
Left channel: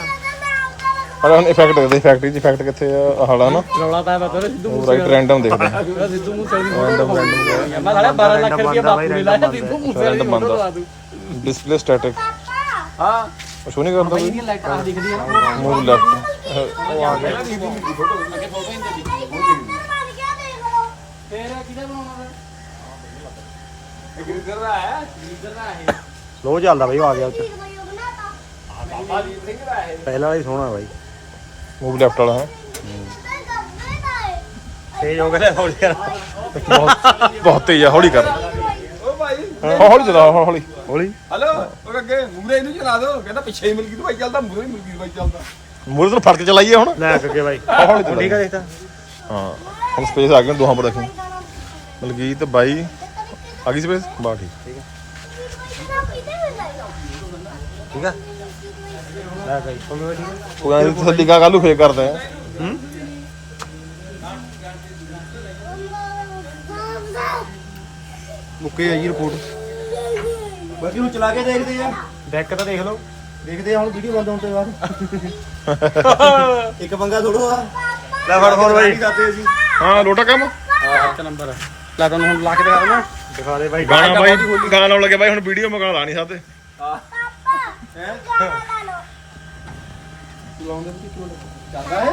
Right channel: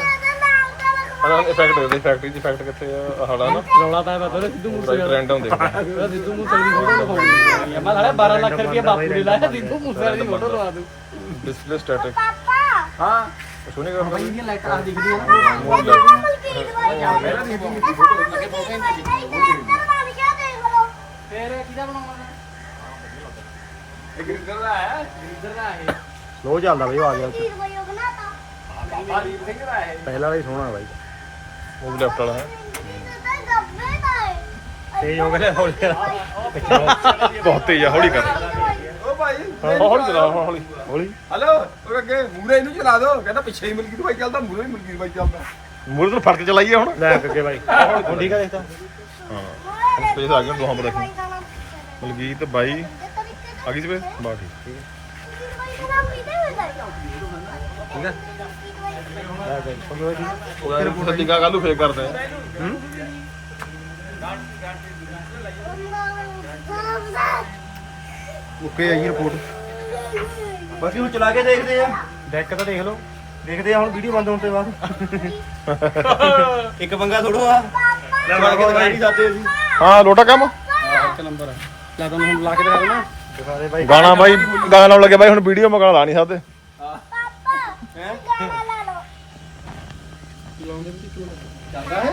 ਪਰ ਹੁਣ ਇਫੈਕਟ ਦੇ ਦੇ ਫੈਕਟਰੀ ਚ ਇਫੈਕਟ ਕਿੱਥੇ ਆ ਹਾਲਾ ਨਾ। ਰੌਲਾ ਤਾਂ ਮੈਂ ਕਹਿੰਦਾ ਸਿੱਧੂ ਪੂਰਾ ਹੀ ਰੈਂਡਮ ਦੇਖਦੇ ਆ ਸਿੱਧੂ ਮੂਸੇ ਮੈਂ ਸਾਲਾ 12 ਲੱਖ ਰੁਪਏ ਬਾਪੂ ਨੇ ਲਾਇਆ ਸਿੱਧੂ ਮੂਸੇ ਵਾਲੀ ਫੋਟੋ ਲਵਾ ਦੂੰ ਡਿਸਪਲੇ ਸਟੈਟਿਕ ਪਾਪਾ। ਹਾਂ। ਉਹ ਸ਼ੋਨੀ ਕਰਦਾ ਬਾਈ ਦੀਆਂ ਲਾਈਟਾਂ ਆ ਦਿਖਦੀਆਂ ਨਾ ਮੂਵ ਲੈਫਟ ਪਹਿਲਾਂ ਵੀ ਦੀ ਫੋਟੋ ਲੱਗੇ ਫੋਟੋ ਮੇਰੀ ਕੈਰੈਕਟਰ ਬਣ ਗਿਆ ਦੇਖ ਲਓ ਫੇਰ ਕਿਹਦਾ ਬਣਾਉਣਾ ਦਾ ਇੱਕ ਰਿਜ਼ਰ ਦਾ ਹੈ? ਇੱਧਰ ਦਾ ਇਹ ਲੋ ਚੱਲਦਾ ਬਈ ਉਹ ਆ ਗਿਆ ਕੀ ਦਵਾਈ ਉਹ ਬਣਾਤਾ ਬਾਬਾ ਦੀਪ ਸਿੰਘ ਦਾ ਹੈ ਪਹਿਲਾਂ ਵਾਲੀ ਸੋਹਣਾ ਬਈ। ਮੂਵ ਲੈਫਟ ਵਾਲਾ ਹੈ। ਤੇਜ਼ ਹੋ। ਗਿਆ ਹੌਲੀ ਕਰ ਬਹੁਤ ਬਹੁਤ ਤੇਜ਼ ਆ ਹੌਲੀ ਕਰ। ਓ ਭਾਈ ਹਾਂ, ਹੌਲੀ ਚਲਾ ਹੌਲੀ। ਹੌਲੀ। ਹਲੋ। ਉਹ ਅੱਗੇ ਮੂਰੇ ਇਹਨੂੰ ਚਲਾ ਦਿਓ ਕਹਿੰਦਾ ਪਿੱਛੇ ਹੀ ਮਲਕੀਤ ਬਾਈ ਚੱਲਦਾ ਮੂਰੇ ਹੀ ਮਲਕੀਤ ਬਾਈ ਚੱਲਦਾ। ਮੂਰੇ ਤੋਂ ਫੜ ਕੇ ਚਲਾਈਏ ਹੁਣ। ਲੈ ਅੱਗੇ ਬਾਈ। ਹੌਲੀ ਚਲਾ। ਠੀਕ ਹੈ ਦੇਖਦਾ ਹਾਂ ਹੁਣ ਸਪੇਸ ਆ ਗਈ ਦੋਹਾਂ ਪਰ ਦੇਖੋ ਮਲਕੀਤ ਬਾਈ ਆ ਗਈ ਸਪੇਸ ਬਾ ਠੀਕ। ਠੀਕ ਹੈ ਉਹ ਕਹਿੰਦੇ ਤੁਸੀਂ ਟਿਕਾ ਕੱਲੂ ਫੇਰ ਕਰਦੇ ਆ। ਓਕੇ ਆ ਜੀ ਰਿਪੋਰਟ ਬਾਕੀ ਹੁਣ ਚਲਾ ਕੇ ਦੇਖਦੇ ਆ। ਡੈਕ ਤਾਂ ਦੇਖ ਲਓ। ਦੇਖਦੇ ਆ ਹੁਣ ਵੀਡੀਓ ਬੰਦ ਹੋਣ ਤੋਂ ਬਾਅਦ। <laughs> ਇੱਕ ਪੰਗਾ ਥੋੜਾ ਆ ਲੈ ਫੜ ਫੜ ਬਾਈ ਹਾਂ ਲੋਟਾ ਕੰਮ? ਇੱਕ ਨੰਬਰ ਆ। ਲੈ ਤੁਹਾਨੂੰ ਹੁਣ ਲਾ ਕੇ ਦੇਣਾ ਦਿਖਾ ਦੇ ਬਾਈ। ਗਾਣਾ ਬਾਈ ਗਾਣਾ ਲੱਗੇ ਬਾਈ ਹੁਣ ਵੀਡੀਓ ਮਗਾ ਲਾ ਨਹੀਂ ਸਕਦੇ ਚੱਲਦਾ ਹੈ?